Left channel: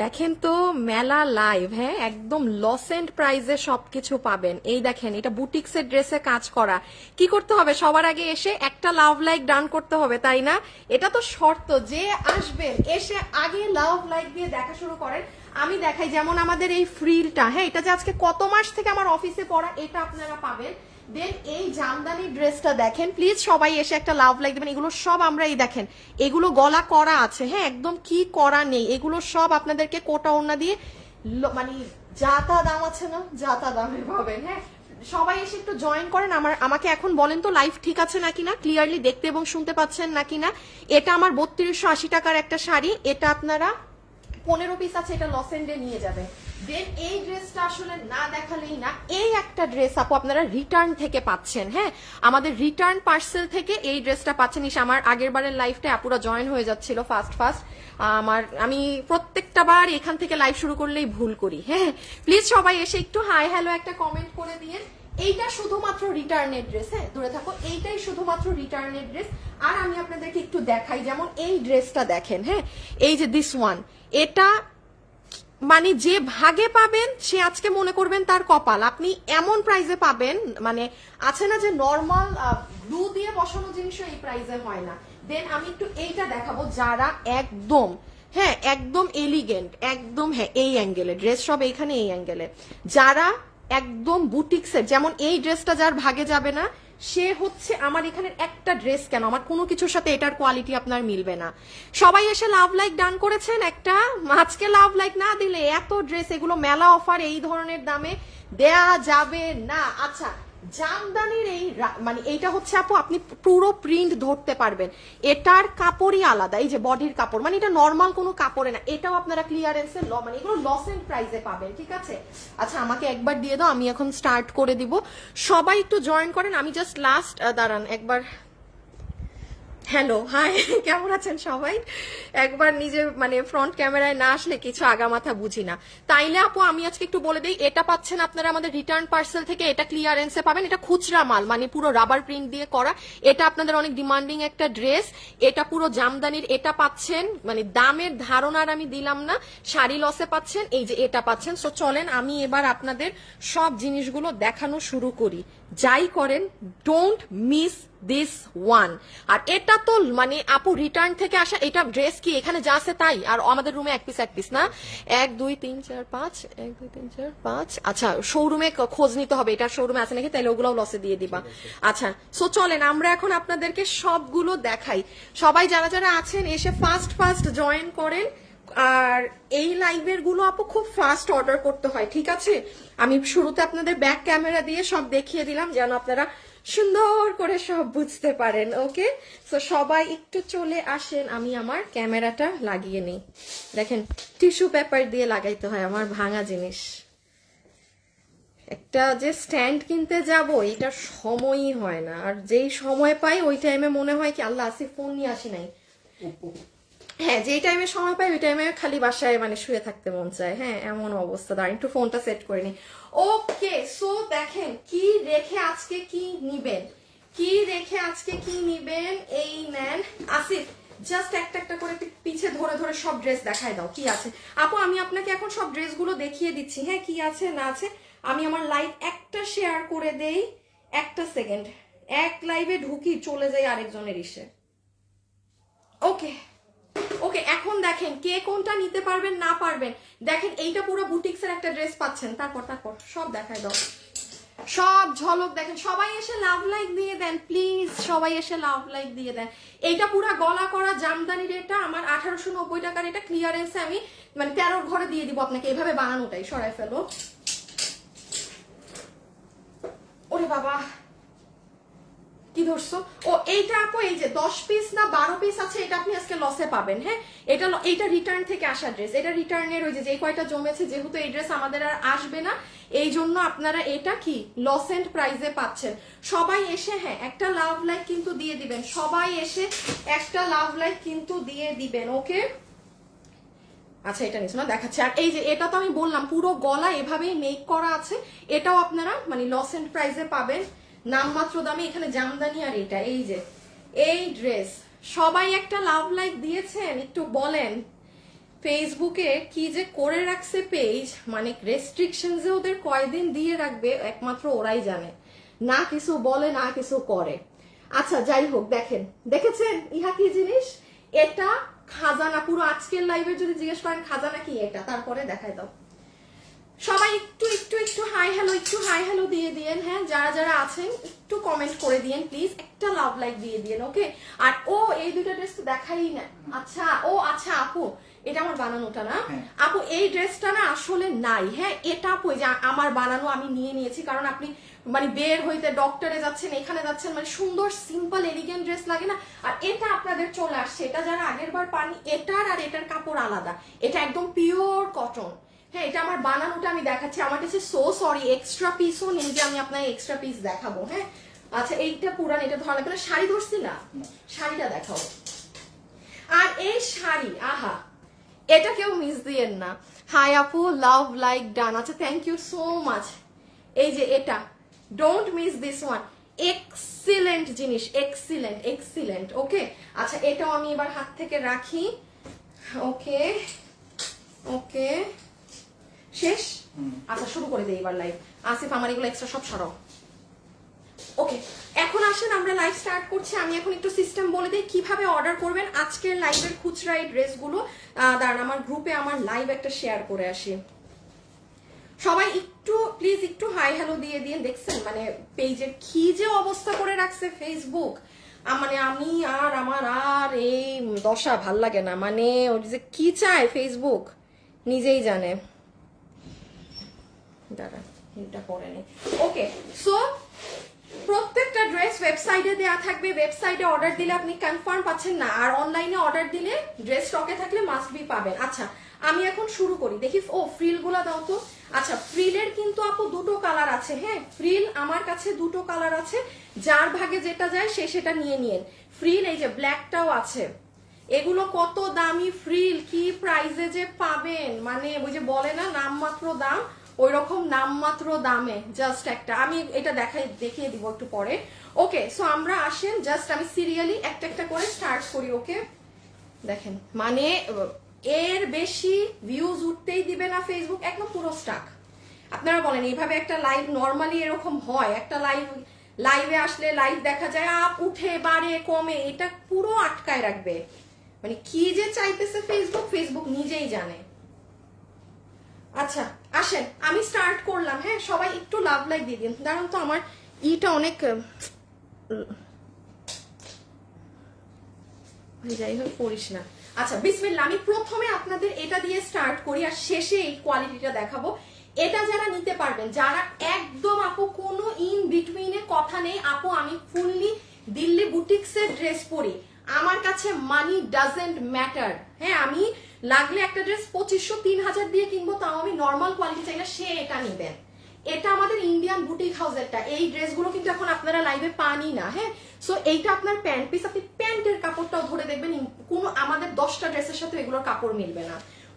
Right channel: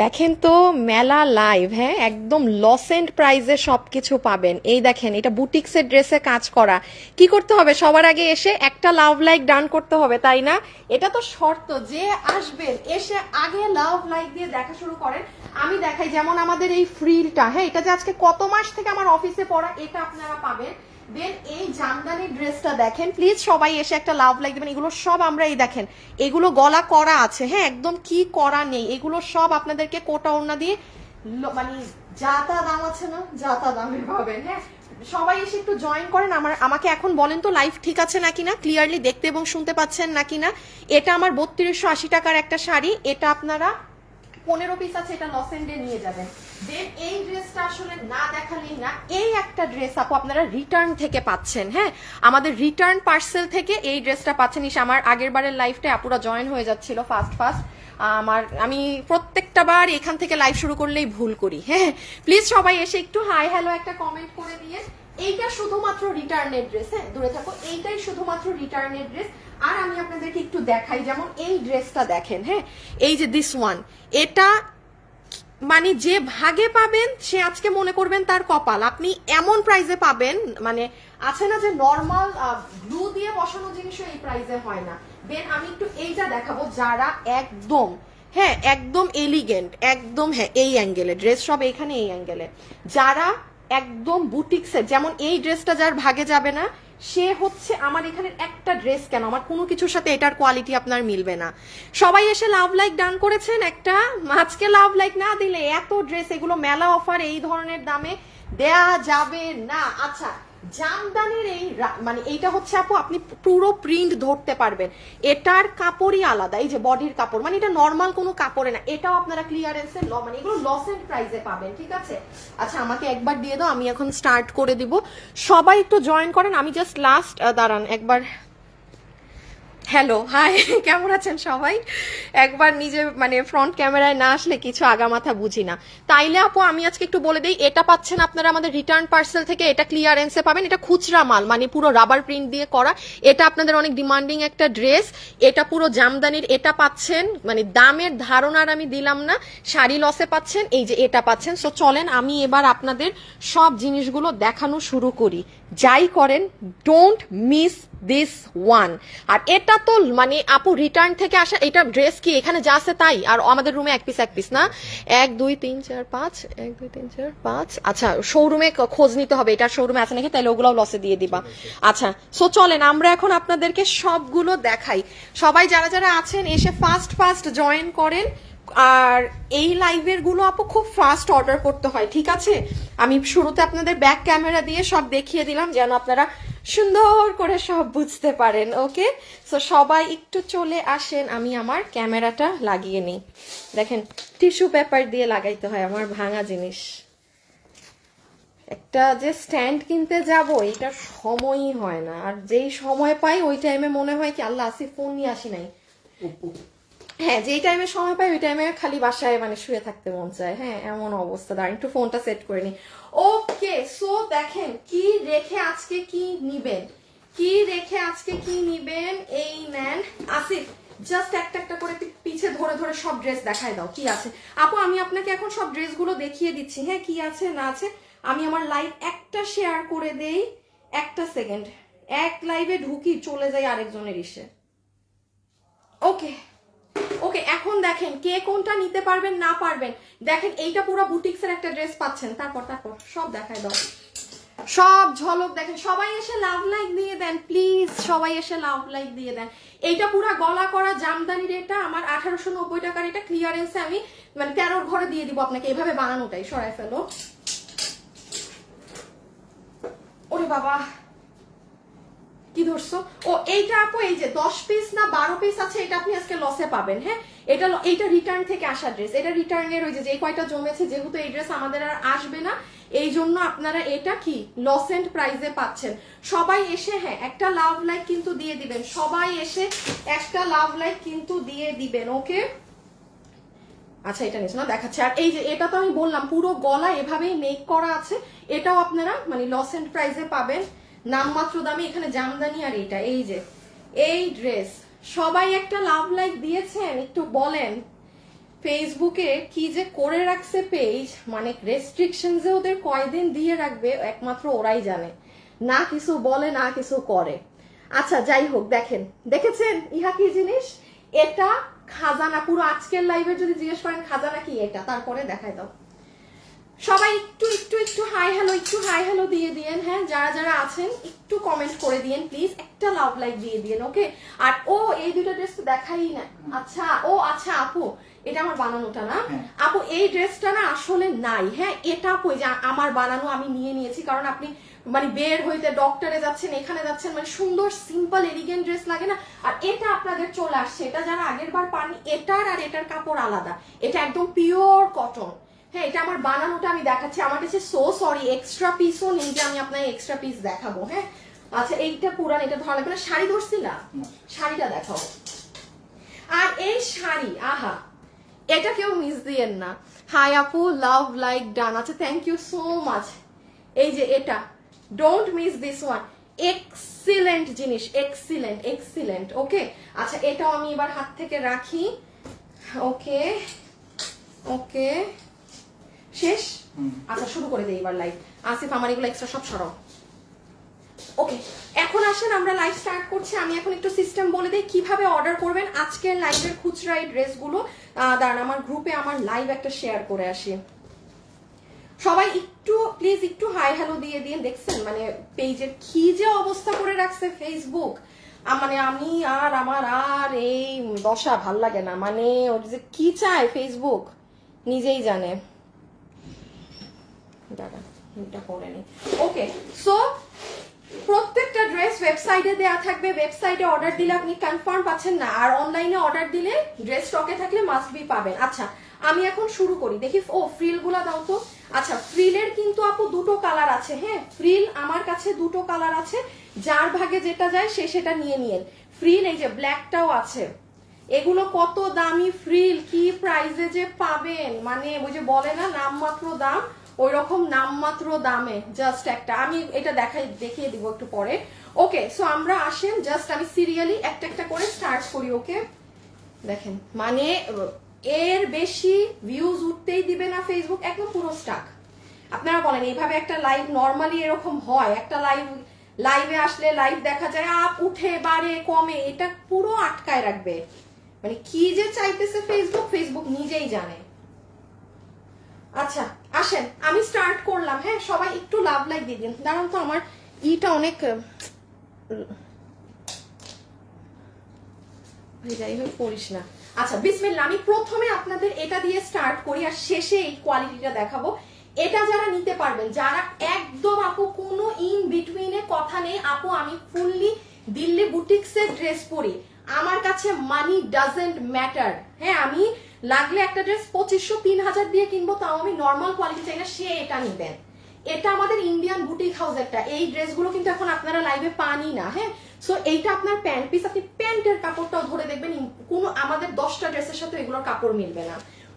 দেখেন তো মেলা লাইভ, হ্যাঁ একদম লস এন্ড প্রাইজে সবকিছু পাবেন। এই দেখেন এটা বুটিক্সের ড্রেসে কাজ করা। কি করতে হবে, সবার আগে এসে একটা লাভ লাইক ডান করতে হবে, তাই না? এটা তো শর্ত, যে আসবেন এসে আগে লাভ লাইক দিয়ে দেখা শুরু করেন। আমি দেখাই, যেমন আমাদের এই ফ্রিলটা, হ্যাঁ এটা যে আজকে কত মাস থেকে আমার অফিসে পড়া, এটা আপনারা পাবেন। দেন এই জামদানি ড্রেসটা দেখেন, প্লিজ সবাই এসে একটা লাভ লাইক দেবেন। এগুলো সব আমরা, এই দেখেন এগুলো গলা করা আছে, হ্যাঁ একদম কি করা নেই, এগুলো সব আপনাদেরকে কোটা ওড়না দিয়ে মানে যাতা দাম আছে না, যাতা দামে পাবেন। হ্যাঁ সবাই এসে একটু জয়েন করেন। আমাকে এখন বলেন তো লাইভ ঠিক আছে নাকি না, ক্লিয়ারলি দেখতে এবং শুনতে পাচ্ছেন নাকি না। এটা আমার 3280 টাকার একটা শাড়ি, এটা আপনারা 15 পিস আছে, এটা লস এন্ডে নিয়ে যাবেন। দেন এই ড্রেসটা আসলে না দেখালেই না, এই একটা ড্রেস আপু আপনারা রিটার্ন থেকে পাচ্ছেন। হ্যাঁ আমাদের রিটার্ন পার্সেল থেকে এই ড্রেসটা পাচ্ছেন। আমার আগের বারের লাইফটা আপুরা জয়েন হয়ে যাচ্ছিল ফার্স্ট আমি প্রত্যেকটা বার এখান থেকে লাইভ শুরু করলেই ভুল করি। হ্যাঁ প্লিজ সবাই এসে একটু হাই হ্যালো একটা কমেন্ট করে দিয়ে। এইটা শুধুমাত্র রিটার্নের ড্রেস, হ্যাঁ দূরে থাকো, এইটাই শুধুমাত্র রিটার্নের ড্রেস। আর আমি আপনাদেরকে একটু দেখাই, যেমন এই ড্রেসটা দেখেন, হ্যাঁ এই যে দিস ওয়ান, এটা মানে যে ভাগে পাবেন সে আজকে মনে করবেন তার কপাল, আপনি এমন প্রাইজে পাবেন। মানে আছে না যে নর্মাল গ্লু দিয়ে বসানো জিনিস এই প্রাইজে হয় না। দেন আমি একটু এইটা দেখাবো, যারা একদম হ্যাঁ একদম এলিগেন্ট, একদম হ্যাঁ এই অ্যাঙ্গেলে ড্রেস, সব এইখানে এই অ্যাঙ্গেলে, যারা একদম বুটিক্সের, যেমন এই ড্রেসটা যার ভাগে যাবে না সে হচ্ছে আমার এখানের একটা ড্রেস কেন, আমার কোনো কিছুর সাথে এটার কোয়ালিটি আপনার মিলবে না। সবাই এসে লাভ লাইক ডান করেছেন একটা, আজকে লাভ লাইক না দিলে এত ড্রেস, এগুলো মেলা অফার, এই ধরনের দামে দেয়া যাবে না। আচ্ছা জামদানির এই মানে এইটা হচ্ছে আপু আপনি পুরো প্রিন্ট ধরতে পারবেন, এটার কাপড়ই আলাদা, এই যে বডির কাপড়, মানে এটা নর্মাল কোনো কাপড়ে না, এটাও আপনারা ক্লিয়ারেন্সে মানে এগুলো লস এন্ড প্রাইসে পাবেন, ঠিক আছে? আচ্ছা আমাকে একবার দিয়ে দাও, আমি এখন স্টার্ট করে দিব। সবাই একটু জয়েন করেন, আমি জাস্ট লাস্ট দাঁড়ান একবার। হ্যালো হাই, কেমন আছেন সবাই? একবার নিজে মানে ফ্রন্ট ক্যামেরায় না আসলে কিছু আগামাথা বুঝি না। তাইলে আপু আমি আজকে একটু বলে দিই, এটা পাচ্ছেন আপনারা আমাদের রিটার্ন পার্সেল থেকে, এটা ক্লিয়ারেন্সে পাবেন, এটা খুচরা মাল, মানে পুরো রাবার প্রিন্ট দিয়ে করা, এটা আপনাদের অনেক ডিমান্ডিং একটা ড্রেস, এটা পুরো জামদানির, এটা পাচ্ছেন মানে দামের ধারণার আমি দিলাম না, শাড়ি লসে পাচ্ছেন, এই যে এটা পাচ্ছেন। সো চলেন আমি এবার আপনাদের সব জিনিসগুলো দেখানো শুরু করি, যাই করেন ডোন্ট মিস দিস ওয়ান। আর এটা তো মানে আপু রিটার্ন থেকে আসা, এটা ড্রেস কি এখানে যা আছে তাই, আর আমাদের রুমে এক পিস না, 1 2 3 4 5, 1 2 3 4 5। আচ্ছা শোরুমে খোঁজ নিতে হবে এটা শোরুমে আছে নাকি, তাইলে ওগুলো লসে দিয়ে দিবা। আচ্ছা সো চলেন আমরা এখন আপনাদেরকে সবগুলো দেখাই। সবাই যারা যারা আছেন এসে ফার্স্ট জয়েন করেন। আর এই লাইভের গুলো আপু খুব ফাস্ট অর্ডার করতে হয়, ঠিক আছে? আমি শুরুতে আপনাদের ব্যাক ক্যামেরা দিয়ে সব দেখিয়ে দিলাম যেন আপনারা সুন্দর করে সব বুঝতে পারেন। ওকে সো সবাই একটু চলে আসেন, আমি আমার ক্যামেরাটা লাগিয়ে নিই। দেখেন টিস্যু পেপার দিয়ে লাগাইতে হয়, আমার ভাঙা জিনিস। একটা যে স্ট্যান্ড কিনতে যাব এটার সময়ই হয় না, আর যেই সময় পাই ওই টাইমে মনে হয় কি আল্লাহ আসি ফোন নিয়ে আসি নাই। হ্যাঁ যেই টাইমে সময় পাই ওই টাইমে খালি বাসায় মানে শুয়ে থাকতে মন চায়। হ্যাঁ এমন অবস্থা, দাঁড়িয়ে একটু ফোনটা সেট করে নি। ওকে সো দেখেন কি রেখে আজকে কি নিবেন, এই নেন আসিফ, জাস্ট একটা একটা করে পিছে ধরে ধরে সব ড্রেস দেখায় দাও কি আছে। আপু আমি আপনাকে এখন সব ড্রেসগুলো দেখিয়ে দিচ্ছি, হ্যাঁ কি আছে না আছে। আমি আমার লাইভ একটা শেয়ার করে দেই, একটা সেকেন্ড, এক লাইভে ঢুকি চলে যাই আরেকজনের ইসে। ওকে ওকে এখন দেখেন কে কোনটা নিতে পারবেন না পারবেন। দেখেন এইটা পুরো বুটিক্সের একটা ড্রেস পাচ্ছেন, তারপর সব দেখাই দাও, সব ঝলক দেখেন। সবাই এসে লাভ লাইক দিয়ে দেন প্লিজ, সবাই এসে লাভ লাইক দিয়ে দেন। এইটা পুরো গলা করা জামদানির, এটা আমার 1890 টাকার, এটা ক্লিয়ারেন্সে আমি মানে 13 ঘরে দিয়ে দিব আপনাকে, এভাবে বানানোটাই সরাই ফেলো। ওরে বাবা কি ধরছো, ও এইটা আপু এই যে 10 পিস না 12 পিস আছে, এটা আপনি আজকে লসে পাবেন। হ্যাঁ এটা রিটার্ন থেকে আসা ড্রেস, এটা রিটার্নের ওই যে কয়টা জমেছে, যেহেতু এই ড্রেস আমাদের আর আসবে না এই জন্য আপনারা এটা কি লস এন্ড প্রাইজে পাচ্ছেন। সবাই এসে হ্যাঁ একটা লাভ লাইক কিন্তু দিয়ে দিবেন, সবাই এসে একটা লাভ লাইক কিন্তু দিয়ে দিবেন। ওকে আচ্ছা এটা নিচ্ছ না দেখাচ্ছে। আর এই যে এটা তো আমি বললাম পুরো গলা এভাবেই মেক করা আছে, এটাও আপনারা মানে লস এন্ড প্রাইজে পাবেন নামমাত্র দামে। এখানে জামদানি আর এটা এই যে এই ড্রেস, সবাই একটা লাভ লাইক দিয়েছেন একটু বলেন ফেসবুকে কি যে করে রাখছে পেজ, মানে রেস্ট্রিকশন যে ওদের কয়দিন দিয়ে রাখবে একমাত্র ওরাই জানে, না কিছু বলে না কিছু করে। আচ্ছা যাই হোক, দেখেন দেখেছেন ইহা কি জিনিস, এটা খাজানা। পুরো আজকের লাইভে যদি জিজ্ঞেস করেন খাজানা কি এটা, তারপরে দেখাই দাও। সবাই একটু একটু একটু হাই হ্যালো, একটু হাই হ্যালো দিয়ে দিয়েন। হ্যাঁ, যারা যারা আছেন একটু কমেন্ট করে দিয়েন প্লিজ, একটা লাভ লাইক দিয়ে দিয়েন। ওকে, আর ও এই দুটো ড্রেস তো দেখাই না। আচ্ছা ও আচ্ছা আপু, এটা আমার বানানোটা না আপু, এই ড্রেসটা না আসলে নাই। হ্যাঁ, এটা আপু যে আমার বানানো, আমি নিয়ে নিয়েছি, কারণ আপনি মানে বের হইতে ডক্টরে যাচ্ছেন, এখানে যাচ্ছেন, মানে সুন্দর সিম্পল এলিগেন্ট ড্রেস লাগে না। আর এটা আপনাদের চলে আসছে, এটা যারা আগের বার পাননি, এটার আর এটার কাপড় আলাদা, এটা একদম পিওর কটন। হ্যাঁ, এটা আমার বানানোটা আমি দেখাচ্ছি। আমার কাছে সো সরি, এক্সট্রা পিসও নেই যে আমি আপনাকে এক্সট্রা পিস দেখাবো। হ্যাঁ, আচ্ছা এইটা পুরান, এটা ধরা লাগবে না। শাড়ি ধরছি না, শাড়িটা দেখাবো। আর এই শাড়ি, আহা, এটা কেউ মিস দিয়েন না। হাই আপু, লাভ লাইক ডান। আচ্ছা থ্যাংক ইউ সো মাচ। এই যে এটা, don't miss this one, excellent জিনিস, এক্সিলেন্ট এক্সিলেন্ট। ওকে, আচ্ছা এটাও আমি এবার হাত থেকে রাখি। ওকে ওকে, শেষ। আচ্ছা শুরু করে দিই এবার লাইভ। আসিফ আমার এগুলো এক্সট্রা সব সরাও। ওকে, এখন আসেন আমরা লাইভ স্টার্ট করছি। আমি এখন একটু সিস্টেম বলে দিই কিভাবে অর্ডার করবেন আজকের লাইভের খুচরা এই ড্রেসগুলো। দাঁড়ান আমার গ্রুপে আমার লাইভ একটা শেয়ার করে আসি। সবাই একটু প্লিজ একটু হাই হ্যালো দিয়ে দিন। দেখছেন মানে পেজের কি যে অবস্থা করে রাখছে ফেসবুক, মানে আমি আর আমার আর এই দশা ভাল লাগে না, মানে ওর যে কি চায় ফেসবুক নিজেই জানে। দাদা এটা করেনি। ওকে, সো প্রত্যেকটা ড্রেস ওয়েবসাইটে দেওয়া থাকবে। ওয়েবসাইটে অর্ডার দিলে আপনি কনফার্ম পাচ্ছেন না, আর অনলাইনে অর্ডার দিলে ড্রেস স্টকে থাকলে মাস্ট বি পাবেন। আচ্ছা আমি এখন শুরু করি, দেখি। ও ফ্রিল গুলা দাও তো। আচ্ছা ফ্রিলের কিন্তু আপু দুটো কালার আছে। হ্যাঁ, ফ্রিল আমার কাছে দুটো কালার আছে, যার ভাগে যেটা যায় সে সেটা নিয়ে নিয়েন। ফ্রিল এই যে ব্ল্যাকটাও আছে। এগুলো কত দামি ফ্রিল, কি প্রাইসে যে পাবেন, মানে ওই যে বলে না নামমাত্র দাম, ওই রকম নামমাত্র দামে জাস্ট একটা। আমি এটা দেখিয়ে দিব একটু পরে। ওকে, সো আমরা আসেন জাস্ট আমি সিরিয়ালি একটা একটা করে স্টার্ট করি। ওকে, দেখেন মানে এর বেশি ভিউজ উঠতেই দিবে না ফেসবুক, একদম পুরো স্টাক। আপনারা বলেন এইভাবে একটা লাইভ নর্মালি এরকম হয়? একটা লাইভে আসলে লাইভ দেখা যায় আপ উঠে বাড়ে কমে, এটা পুরো আটকায় রাখবে। মানে কি যে চাইতেছে ফেসবুক নিজেই জানে। আচ্ছা আসেন আমি স্টার্ট করলাম। হ্যাঁ, সবাই একটু লাভ লাইক দিয়ে দিন। দাঁড়ান তো, আমার ইটা অনেক যাই হোক করিস না। আচ্ছা বিসমিল্লাহ, আমি প্রথমে আপনাদের এটা দিয়ে স্টার্ট করি আর শেষে এই কোয়ালিটিটা দেখাবো। এটা যারা নিতে পারবেন, যারা একদম আপু কোনো ইন বিটুইনে কথা নেই, আপু আমি ফুললি দিল্লি বুটিক্সের ড্রেস পরি, আমার কাছে মানি ডাজেন্ট ম্যাটার। হ্যাঁ, আমি লাগলে একটা ড্রেস 2500-3000 দিয়ে কিনবো, তাও আমি নর্মাল কোয়ালিটি চাই না, সে এটা নিবেন। এটা আমাদের ইন্ডিয়ান বুটিক হাউসেরটা। এই ড্রেসগুলো কিন্তু এখন আপনারা লাইভে পানই না। হ্যাঁ, সো এইটা আপনার প্যান্ট পিস, আপনি প্যান্টের কাপড়টাও ধরে দেখবেন কোনো আমাদের 10টা ড্রেসের সাথে এগুলোর কাপড় মিলবে না।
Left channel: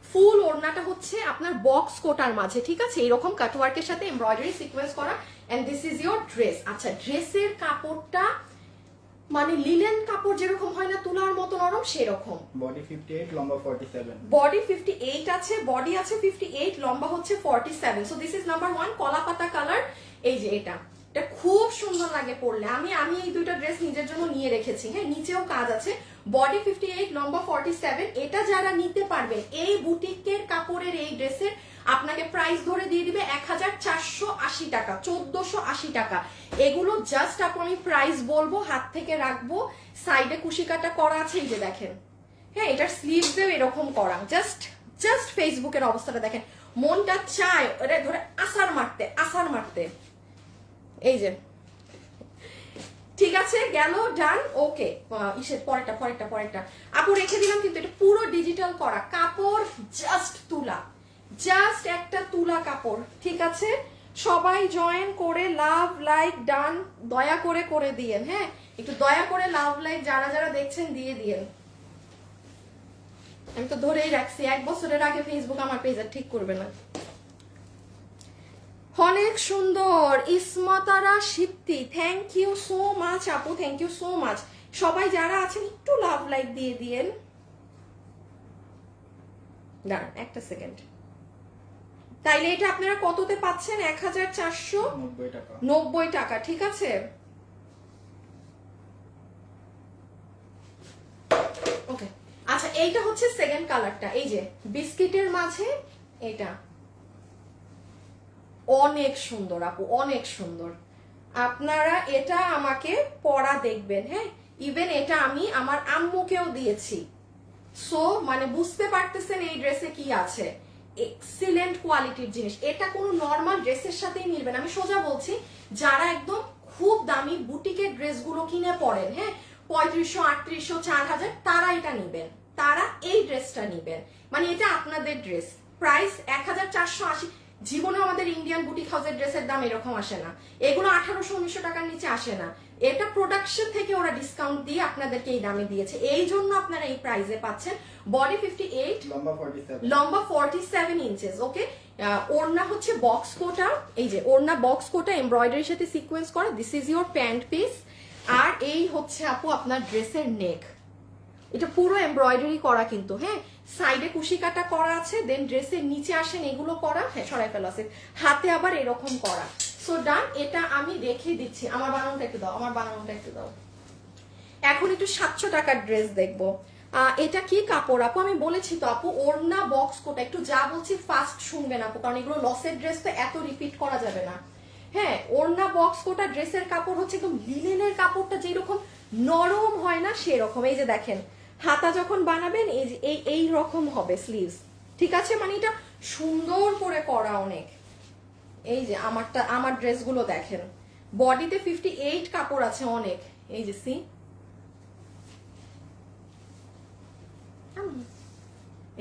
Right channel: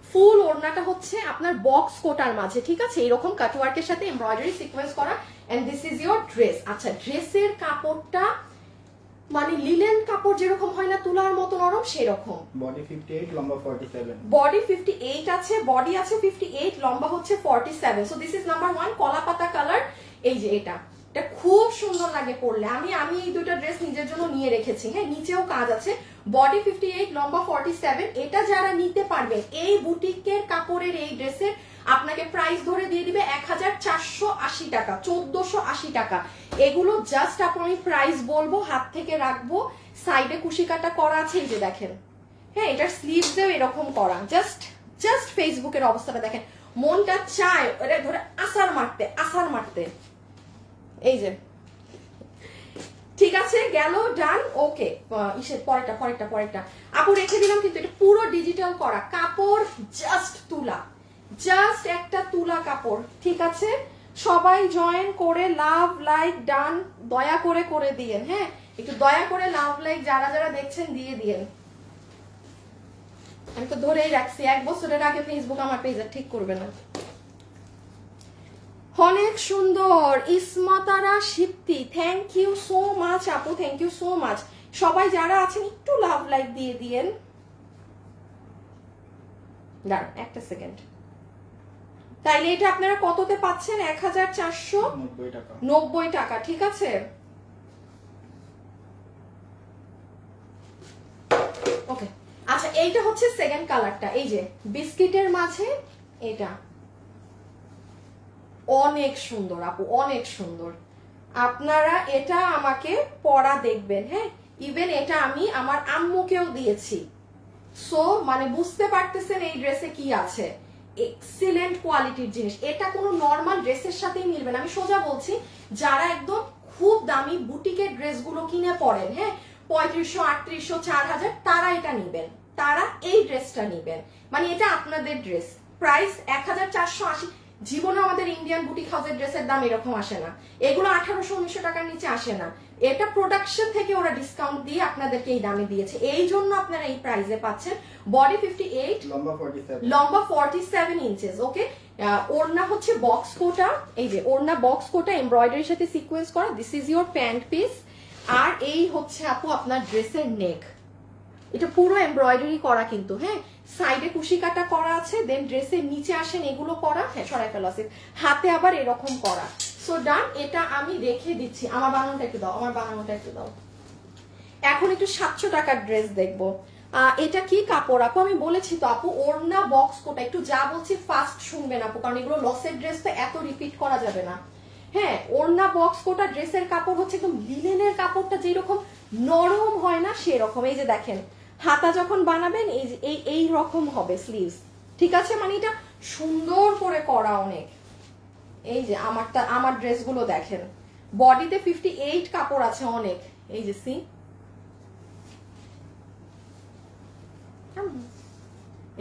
ফুল ওড়নাটা হচ্ছে আপনার বক্স কোটার মাঝে, ঠিক আছে, এইরকম কাটওয়ার্কের সাথে এমব্রয়ডারি সিকোয়েন্স করা, and this is your dress. আচ্ছা ড্রেসের কাপড়টা মানে লিনেন কাপড় যেরকম হয় না তুলার মতো নরম, সেরকম। বডি 58, লম্বা 47। বডি 58 আছে, বডি আছে 58, লম্বা হচ্ছে 47। সো দিস ইজ নাম্বার 1 কলা পাতা কালার। এই যে এটা খুব সুন্দর লাগে পরলে। আমি এই দুটো ড্রেস নিজের জন্য নিয়ে রেখেছি। হ্যাঁ, নিচেও কাজ আছে। বডি 58, লম্বা 47। এটা যারা নিতে পারবেন, এই বুটিকের কাপড়ের এই ড্রেসের আপনাকে প্রাইস ধরে দিয়ে দিবে 1480 টাকা, 1480 টাকা। এগুলো জাস্ট আমি প্রাইস বলবো, হাত থেকে রাখবো, সাইডে কুশি কাটা করা আছে, এই যে দেখেন। হ্যাঁ, এটার স্লিভসেও এরকম করা। জাস্ট ফেসবুকের অবস্থাটা দেখেন, মনটা চায় এটা ধরে আসার মারতে। এই যে ঠিক আছে, গেল, ডান। ওকে, ইসের পরেরটা আপু রেখে দিলাম, কিন্তু এটা পুরো ডিজিটাল করা কাপড়, জাস্ট একটা তুলা কাপড়। ঠিক আছে, সবাই জয়েন করে লাভ লাইক ডান দয়া করে দিয়েন। হ্যাঁ, একটু দয়া করে লাভ লাইক যারা যারা দেখছেন দিয়ে দিয়েন। আমি তো ধরেই রাখছি, 1 বছরের আগে ফেসবুক আমার পেজে ঠিক করবে না। অনেক সুন্দর Ismatara সিপ্তি, thank you so much আপু, থ্যাংক ইউ সো মাচ। সবাই যারা আছেন একটু লাভ লাইক দিয়ে দিয়েন। দাঁড়ান একটা সেকেন্ড, তাইলে এটা আপনারা কততে পাচ্ছেন? 1490 টাকা। ঠিক আছে, ওকে। আচ্ছা এইটা হচ্ছে সেকেন্ড কালারটা, এই যে বিস্কিটের মাঝে, এটা অনেক সুন্দর আপু, অনেক সুন্দর। আপনারা এটা আমাকে পরা দেখবেন, হ্যাঁ, ইভেন এটা আমি আমার আম্মুকেও দিয়েছি। সো মানে বুঝতে পারতেছেন এই ড্রেসে কি আছে, এক্সিলেন্ট কোয়ালিটির জিনিস। এটা কোনো নর্মাল ড্রেসের সাথেই মিলবে না, আমি সোজা বলছি। যারা একদম খুব দামি বুটিকের ড্রেসগুলো কিনে পড়েন, হ্যাঁ, 3500, 3800, 4000, তারা এটা নিবেন, তারা এই ড্রেসটা নিবেন। মানে এটা আপনাদের ড্রেস, প্রাইস 1480। জীবনে আমাদের ইন্ডিয়ান বুটিক হাউসের ড্রেসের দাম এরকম আসে না, এগুলো 1800-1900 টাকার নিচে আসে না। এটা প্রোডাকশন থেকে ওরা ডিসকাউন্ট দিয়ে আপনাদেরকে এই দামে দিয়েছে, এই জন্য আপনারা এই প্রাইসে পাচ্ছেন। বডি 58, লম্বা 47 ইঞ্চেস। ওকে, ওড়না হচ্ছে বক্স কোটা, এই যে ওড়না বক্স কোটা এমব্রয়ডারির সাথে সিকোয়েন্স করা। This is your pant piece. আর এই হচ্ছে আপু আপনার ড্রেসের নেক, এটা পুরো এমব্রয়ডারি করা কিন্তু, হ্যাঁ, সাইডে কুশি কাটা করা আছে, দেন ড্রেসের নিচে আসেন এগুলো করা, হ্যাঁ সরাই ফেলা আছে, হাতে আবার এরকম করা। সো ডান, এটা আমি রেখে দিচ্ছি। আমার বানানোটা একটু দাও, আমার বানানোটা একটু দাও। এখন একটু 700 টাকার ড্রেস দেখবো। এটা কি কাপড় আপু? আমি বলেছি তো আপু, ওড়না বক্স কোটা। একটু যা বলছি ফাস্ট শুনবেন আপু, কারণ এগুলো লসের ড্রেস তো এত রিপিট করা যাবে না। হ্যাঁ, ওড়না বক্স কোটা ড্রেসের কাপড় হচ্ছে একদম লিনেনের কাপড়টা যেরকম নরম হয় না সেরকম। এই যে দেখেন, হাতা যখন বানাবেন এই যে এই রকম হবে স্লিভস, ঠিক আছে, মানে এটা সুন্দর করে করা অনেক। এই যে আমার ড্রেসগুলো দেখেন, বডিতে 58 কাপড় আছে অনেক, এই যে সি,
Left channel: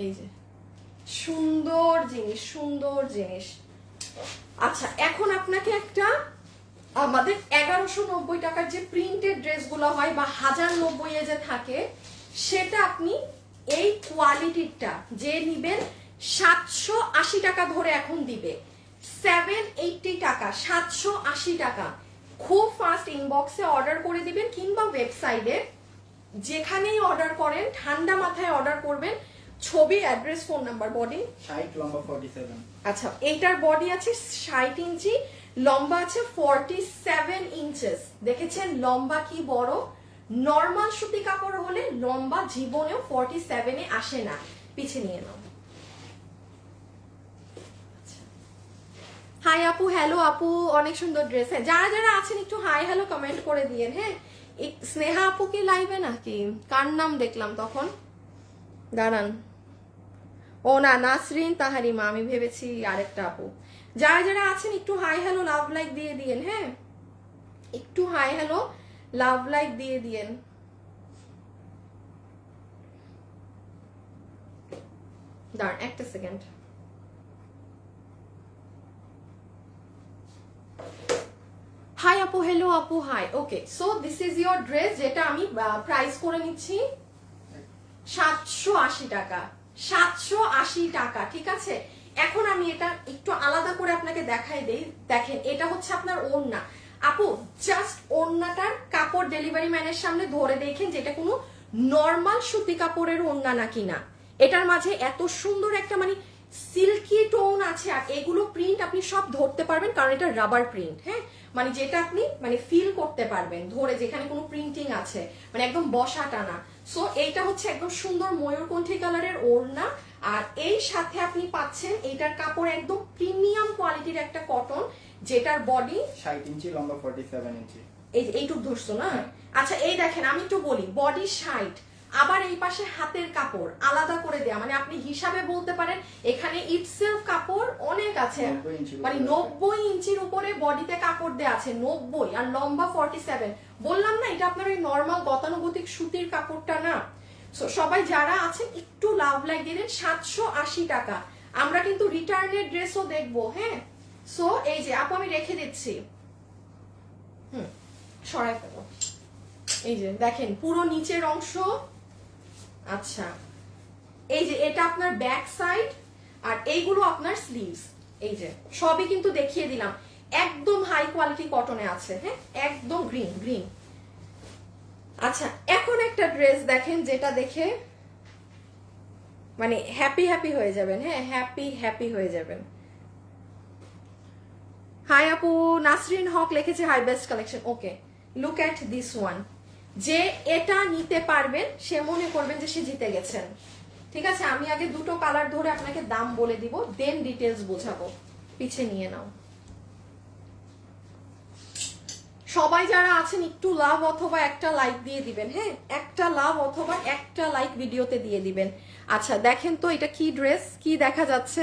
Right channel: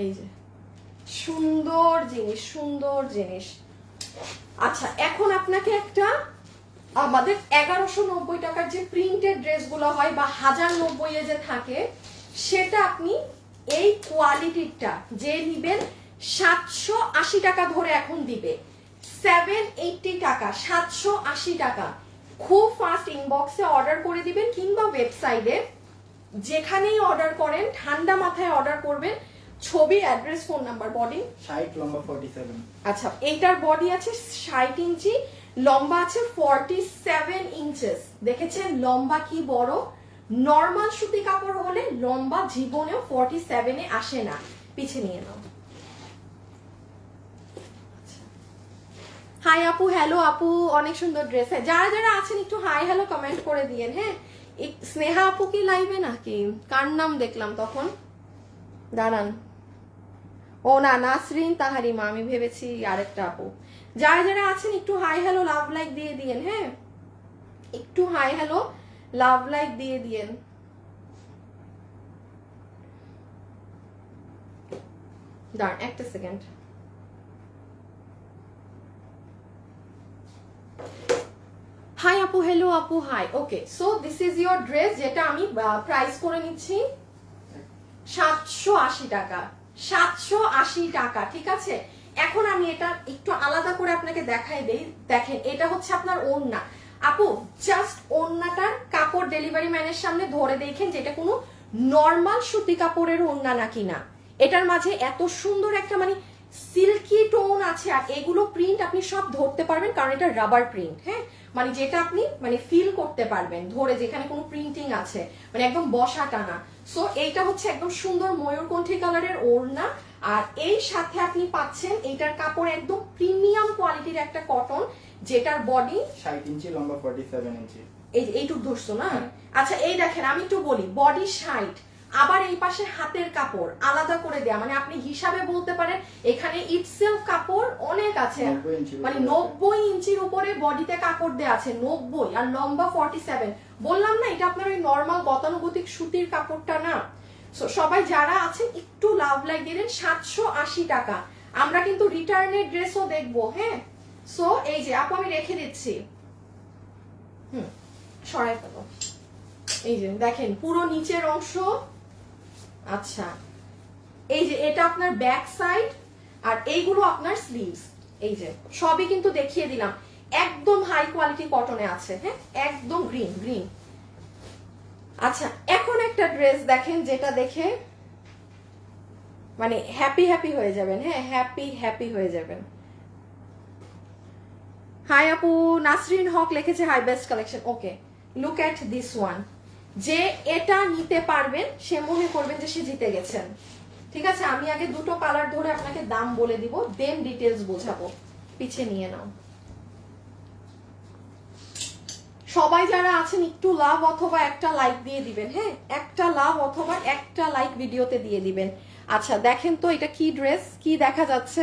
এই যে সুন্দর জিনিস, সুন্দর জিনিস। আচ্ছা এখন আপনাকে একটা, আমাদের 1190 টাকার যে প্রিন্টেড ড্রেসগুলো হয় বা 1090 যে থাকে, সেটা আপনি এই কোয়ালিটিটা যে নিবেন 780 টাকা ধরে এখন দিবে, 780 টাকা, 780 টাকা। খুব ফাস্ট ইনবক্সে অর্ডার করে দিবেন, কিংবা ওয়েবসাইটে যেখানেই অর্ডার করেন ঠান্ডা মাথায় অর্ডার করবেন। ছবি, অ্যাড্রেস, ফোন নাম্বার। বডি 60, লম্বা 47। আচ্ছা এইটার বডি আছে 60 ইঞ্চি, লম্বা আছে 47 ইঞ্চেস। দেখেছেন লম্বা কি বড়? নর্মাল সুতি কাপড় হলে লম্বা জীবনেও 47-এ আসে না। পিছিয়ে নিয়ে নাও। হাই আপু, হ্যালো আপু, অনেক সুন্দর ড্রেস। যারা যারা আছেন একটু হাই হ্যালো কমেন্ট করে দিয়েন। হ্যাঁ, স্নেহা আপু কি লাইভে নাকি? কার নাম দেখলাম তখন? দাঁড়ান, ও না, নাসরিন তাহারিমা, আমি ভেবেছি আরেকটা আপু। যারা যারা আছেন একটু হাই হ্যালো লাভ লাইক দিয়ে দিয়েন। হ্যাঁ, একটু হাই হ্যালো লাভ লাইক দিয়ে দিয়েন। দাঁড়ান একটা সেকেন্ড। হাই আপু, হ্যালো আপু, hi. Okay, so this is your dress, যেটা আমি প্রাইস করে নিচ্ছি 780 টাকা। 780 টাকা, ঠিক আছে। এখন আমি এটা একটু আলাদা করে আপনাকে দেখাই দেই। দেখেন, এটা হচ্ছে আপনার ওড়না। আপু জাস্ট ওড়নাটার কাপড় ডেলিভারি ম্যানের সামনে ধরে দেখেন যেটা কোনো নর্মাল সুতি কাপড়ের ওড়না নাকি না। এটার মাঝে এত সুন্দর একটা মানে সিল্কি টোন আছে, আর এগুলো প্রিন্ট আপনি সব ধরতে পারবেন, কারণ এটা রাবার প্রিন্ট। হ্যাঁ, মানে যেটা আপনি মানে ফিল করতে পারবেন ধরে, যেখানে কোনো প্রিন্টিং আছে, মানে একদম বসা টানা। সো এইটা হচ্ছে একদম সুন্দর ময়ূরকণ্ঠী কালারের ওড়না, আর এই সাথে আপনি পাচ্ছেন এইটার কাপড় একদম প্রিমিয়াম কোয়ালিটির একটা কটন, যেটার বডি 60 ইঞ্চি, লম্বা 47 ইঞ্চি। এইটুক ধরছো না? আচ্ছা এই দেখেন, আমি একটু বলি, বডি 60, আবার এই পাশে হাতের কাপড় আলাদা করে দেয়া, মানে আপনি হিসাবে বলতে পারেন এখানে ইটসেলফ কাপড় অনেক আছে, মানে 90 ইঞ্চির উপরে বডিতে কাপড় দেয়া আছে, 90, আর লম্বা 47। বললাম না এটা আপনার ওই নর্মাল গতানুগতিক সুতির কাপড়টা না। সবাই যারা আছেন একটু লাভ লাইক দিলেন। 780 টাকা। আমরা কিন্তু রিটার্নের ড্রেসও দেখবো। হ্যাঁ, সো এই যে আপু আমি রেখে দিচ্ছি, সরাই ফেলো। এই যে দেখেন পুরো নিচের অংশ। আচ্ছা এই যে এটা আপনার ব্যাক সাইড, আর এইগুলো আপনার স্লিভস। এই যে সবই কিন্তু দেখিয়ে দিলাম, একদম হাই কোয়ালিটি কটনে আছে। হ্যাঁ, একদম গ্রিন গ্রিন। আচ্ছা এখন একটা ড্রেস দেখেন, যেটা দেখে মানে হ্যাপি হ্যাপি হয়ে যাবেন। হ্যাঁ, হ্যাপি হ্যাপি হয়ে যাবেন। হাই আপু, নাসরিন হক লিখেছে hi best collection. Okay, look at this one. যে এটা নিতে পারবেন সে মনে করবেন যে সে জিতে গেছেন। ঠিক আছে, আমি আগে দুটো কালার ধরে আপনাকে দাম বলে দিব, দেন ডিটেলস বোঝাবো। পিছিয়ে নিয়ে নাও। সবাই যারা আছেন একটু লাভ অথবা একটা লাইক দিয়ে দিবেন। হ্যাঁ, একটা লাভ অথবা একটা লাইক ভিডিওতে দিয়ে দিবেন। আচ্ছা দেখেন তো এটা কি ড্রেস, কি দেখা যাচ্ছে?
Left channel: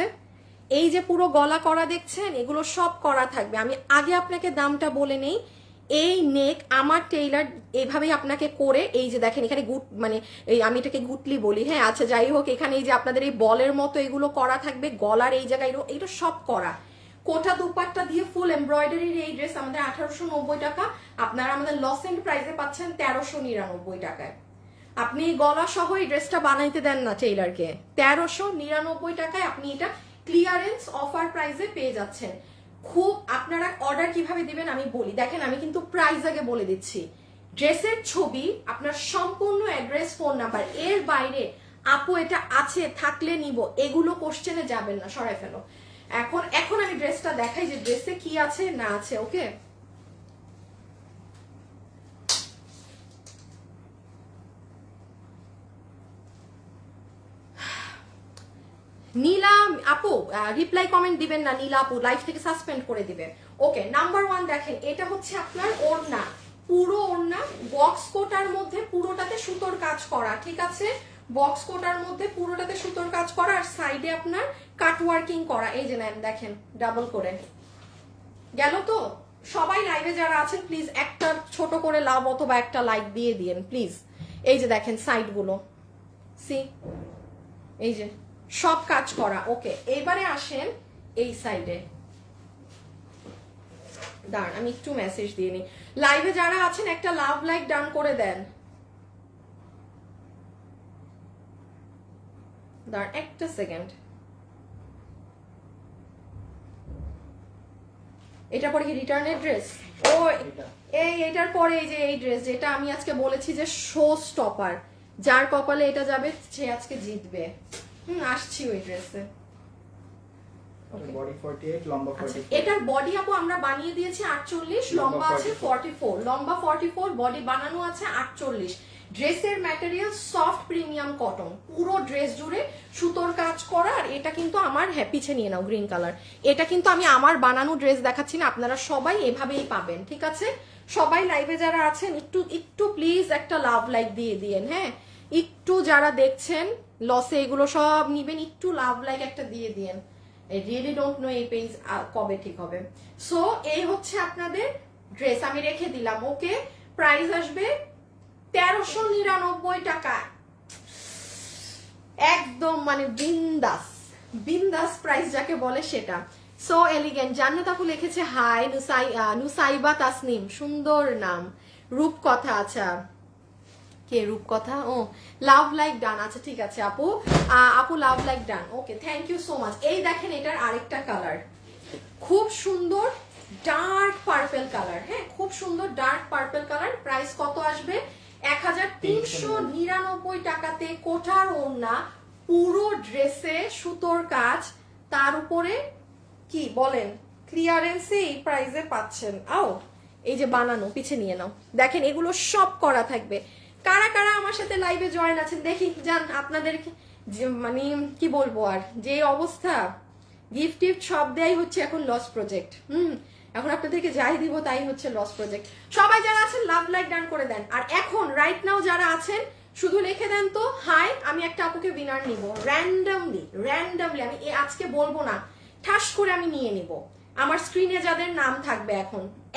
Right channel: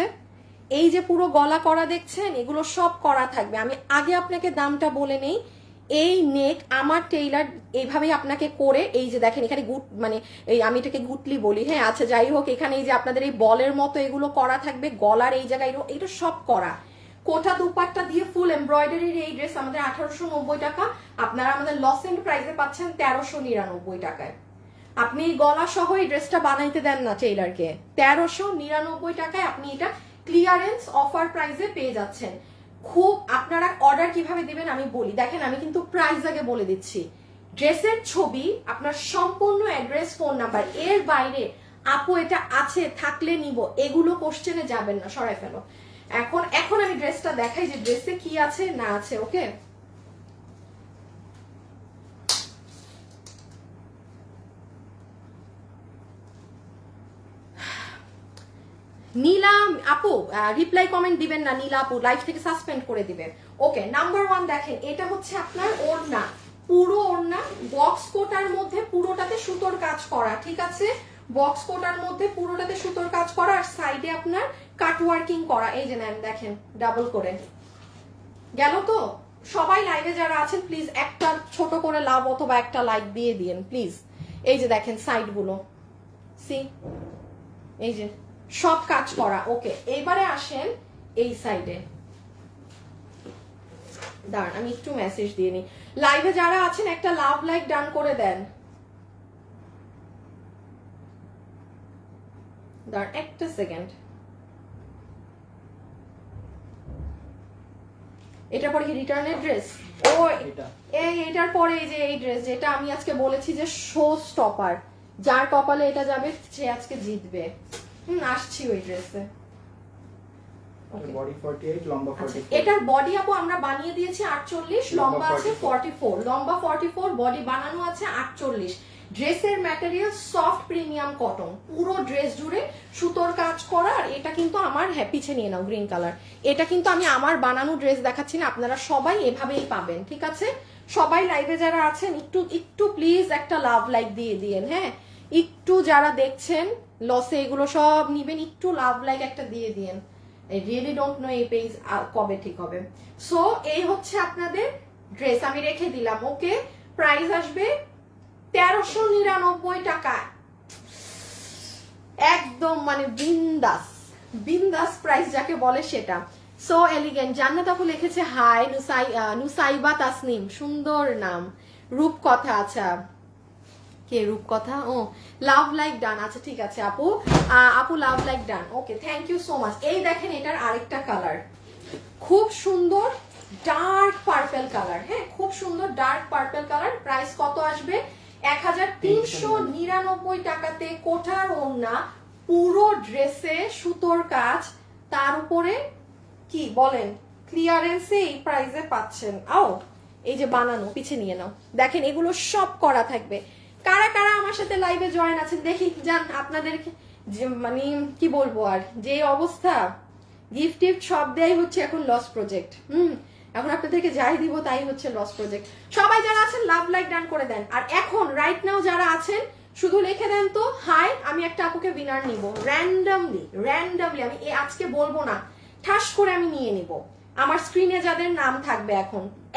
এই যে পুরো গলা করা দেখছেন, এগুলো সব করা থাকবে। আমি আগে আপনাকে দামটা বলে নেই। এই নেক আমার টেইলার এইভাবেই আপনাকে করে, এই যে দেখেন এখানে গুট, মানে এই আমি এটাকে গুটলি বলি। হ্যাঁ, আচ্ছা যাই হোক, এখানে এই যে আপনাদের এই বলের মতো এগুলো করা থাকবে, গলার এই জায়গায় এটা সব করা। কোটা দুপাট্টা দিয়ে ফুল এমব্রয়ডারির এই ড্রেস আমাদের 1890 টাকা, আপনারা আমাদের লস এন্ড প্রাইসে পাচ্ছেন 1399 টাকায়। আপনি এই গলা সহ এই ড্রেসটা বানাইতে দেন না টেইলারকে, 1399 টাকায় আপনি এটা ক্লিয়ারেন্স অফার প্রাইসে পেয়ে যাচ্ছেন। খুব, আপনারা অর্ডার কিভাবে দিবেন আমি বলি। দেখেন আমি কিন্তু প্রাইস আগে বলে দিচ্ছি। ড্রেসের ছবি, আপনার সম্পূর্ণ অ্যাড্রেস, ফোন নাম্বার, এর বাইরে আপু এটা আছে থাকলে নিব এগুলো কোশ্চেনে যাবেন না, সরাই ফেলো। এখন আমি ড্রেসটা দেখাই যে ড্রেসে কি আছে না আছে। ওকে, নীলা আপু রিপ্লাই কমেন্ট দিবেন না, নীলা আপু লাইভ থেকে সাসপেন্ড করে দিবেন। ওকে, নাম্বার 1 দেখেন, এটা হচ্ছে আপনার ওড়না, পুরো ওড়না বক্স কোটার মধ্যে পুরোটাতে সুতোর কাজ করা। ঠিক আছে, বক্স কোটার মধ্যে পুরোটাতে সুতোর কাজ করা, আর সাইডে আপনার কাট ওয়ার্কিং করা। এই যে নেন দেখেন, ডাবল করে গেল। তো সবাই লাইভে যারা আছেন প্লিজ একটা ছোট করে লাভ অথবা একটা লাইক দিয়ে দিন প্লিজ। এই যে দেখেন সাইড গুলো, সি এই যে সব কাজ করা। ওকে, এইবারে আসেন এই সাইডে। দাঁড়ান আমি একটু মেসেজ দিয়ে নি। লাইভে যারা আছেন একটা লাভ লাইক ডান করে দেন। দাঁড়ান একটা সেকেন্ড। এটার পরে রিটার্নের ড্রেস, ও এটার পরে এই যে এই ড্রেস যেটা আমি আজকে বলেছি যে শো স্টপার, যার কপালে এটা যাবে সে আজকে জিতবে। আসছি ওই ড্রেসে। বডি 48, লম্বা 44। এটার বডি আপু আমরা বানিয়ে দিয়েছি 48, লম্বা আছে 44, লম্বা 44, বডি বানানো আছে 48। ড্রেসের ম্যাটেরিয়াল সফট প্রিমিয়াম কটন, পুরো ড্রেস জুড়ে সুতোর কাজ করা। আর এটা কিন্তু আমার পিছে নিয়ে নাও গ্রিন কালার, এটা কিন্তু আমি আমার বানানো ড্রেস দেখাচ্ছি না, আপনারা সবাই এভাবেই পাবেন। ঠিক আছে, সবাই লাইভে যারা আছেন একটু প্লিজ একটা লাভ লাইক দিয়ে দিয়েন। হ্যাঁ, একটু যারা দেখছেন লসে এগুলো সব নিবেন, একটু লাভ লাইক একটা দিয়ে দিয়েন। I really don't know এই পেজ কবে ঠিক হবে। সো এই হচ্ছে আপনাদের ড্রেস, আমি রেখে দিলাম। ওকে, প্রাইস আসবে 1399 টাকা, একদম মানে বিন্দাস প্রাইস যাকে বলে সেটা। So elegant. জান্নাত আপু লিখেছে হাই, নুসাইবা তাসনিম, সুন্দর নাম। রূপকথা, আচ্ছা কে রূপকথা? ও লাভ লাইক ডান। আচ্ছা ঠিক আছে আপু, আপু love like done. Okay, thank you so much. এই দেখেন এটার আরেকটা কালার, খুব সুন্দর ডার্ক পার্পল কালার। হ্যাঁ, খুব সুন্দর ডার্ক পার্পল কালার। প্রাইস কত আসবে? 1399 টাকাতে। কোঠার ওড়না, পুরো ড্রেসে সুতোর কাজ, তার উপরে কি বলেন ক্লিয়ারেন্সে এই প্রাইসে পাচ্ছেন। আও এই যে বানানো, পিছে নিয়ে নাও, দেখেন এগুলো সব করা থাকবে। কারা কারা আমার সাথে লাইভে জয়েন আছেন দেখি জান। আপনাদের মানে কি বলবো, আর যে অবস্থা, গিফট টিফট সব দেয়াই হচ্ছে এখন লস প্রজেক্ট। এখন আপনাদেরকে যাই দিব তাই হচ্ছে লস প্রজেক্ট। সবাই যারা আছেন লাভ লাইক ডান করে দেন। আর এখন রাইট নাও যারা আছেন শুধু লিখে দেন তো হাই, আমি একটা আপুকে উইনার নিব র্যান্ডমলি। আমি আজকে বলবো না, ঠাস করে আমি নিয়ে নিব। আমার স্ক্রিনে যাদের নাম থাকবে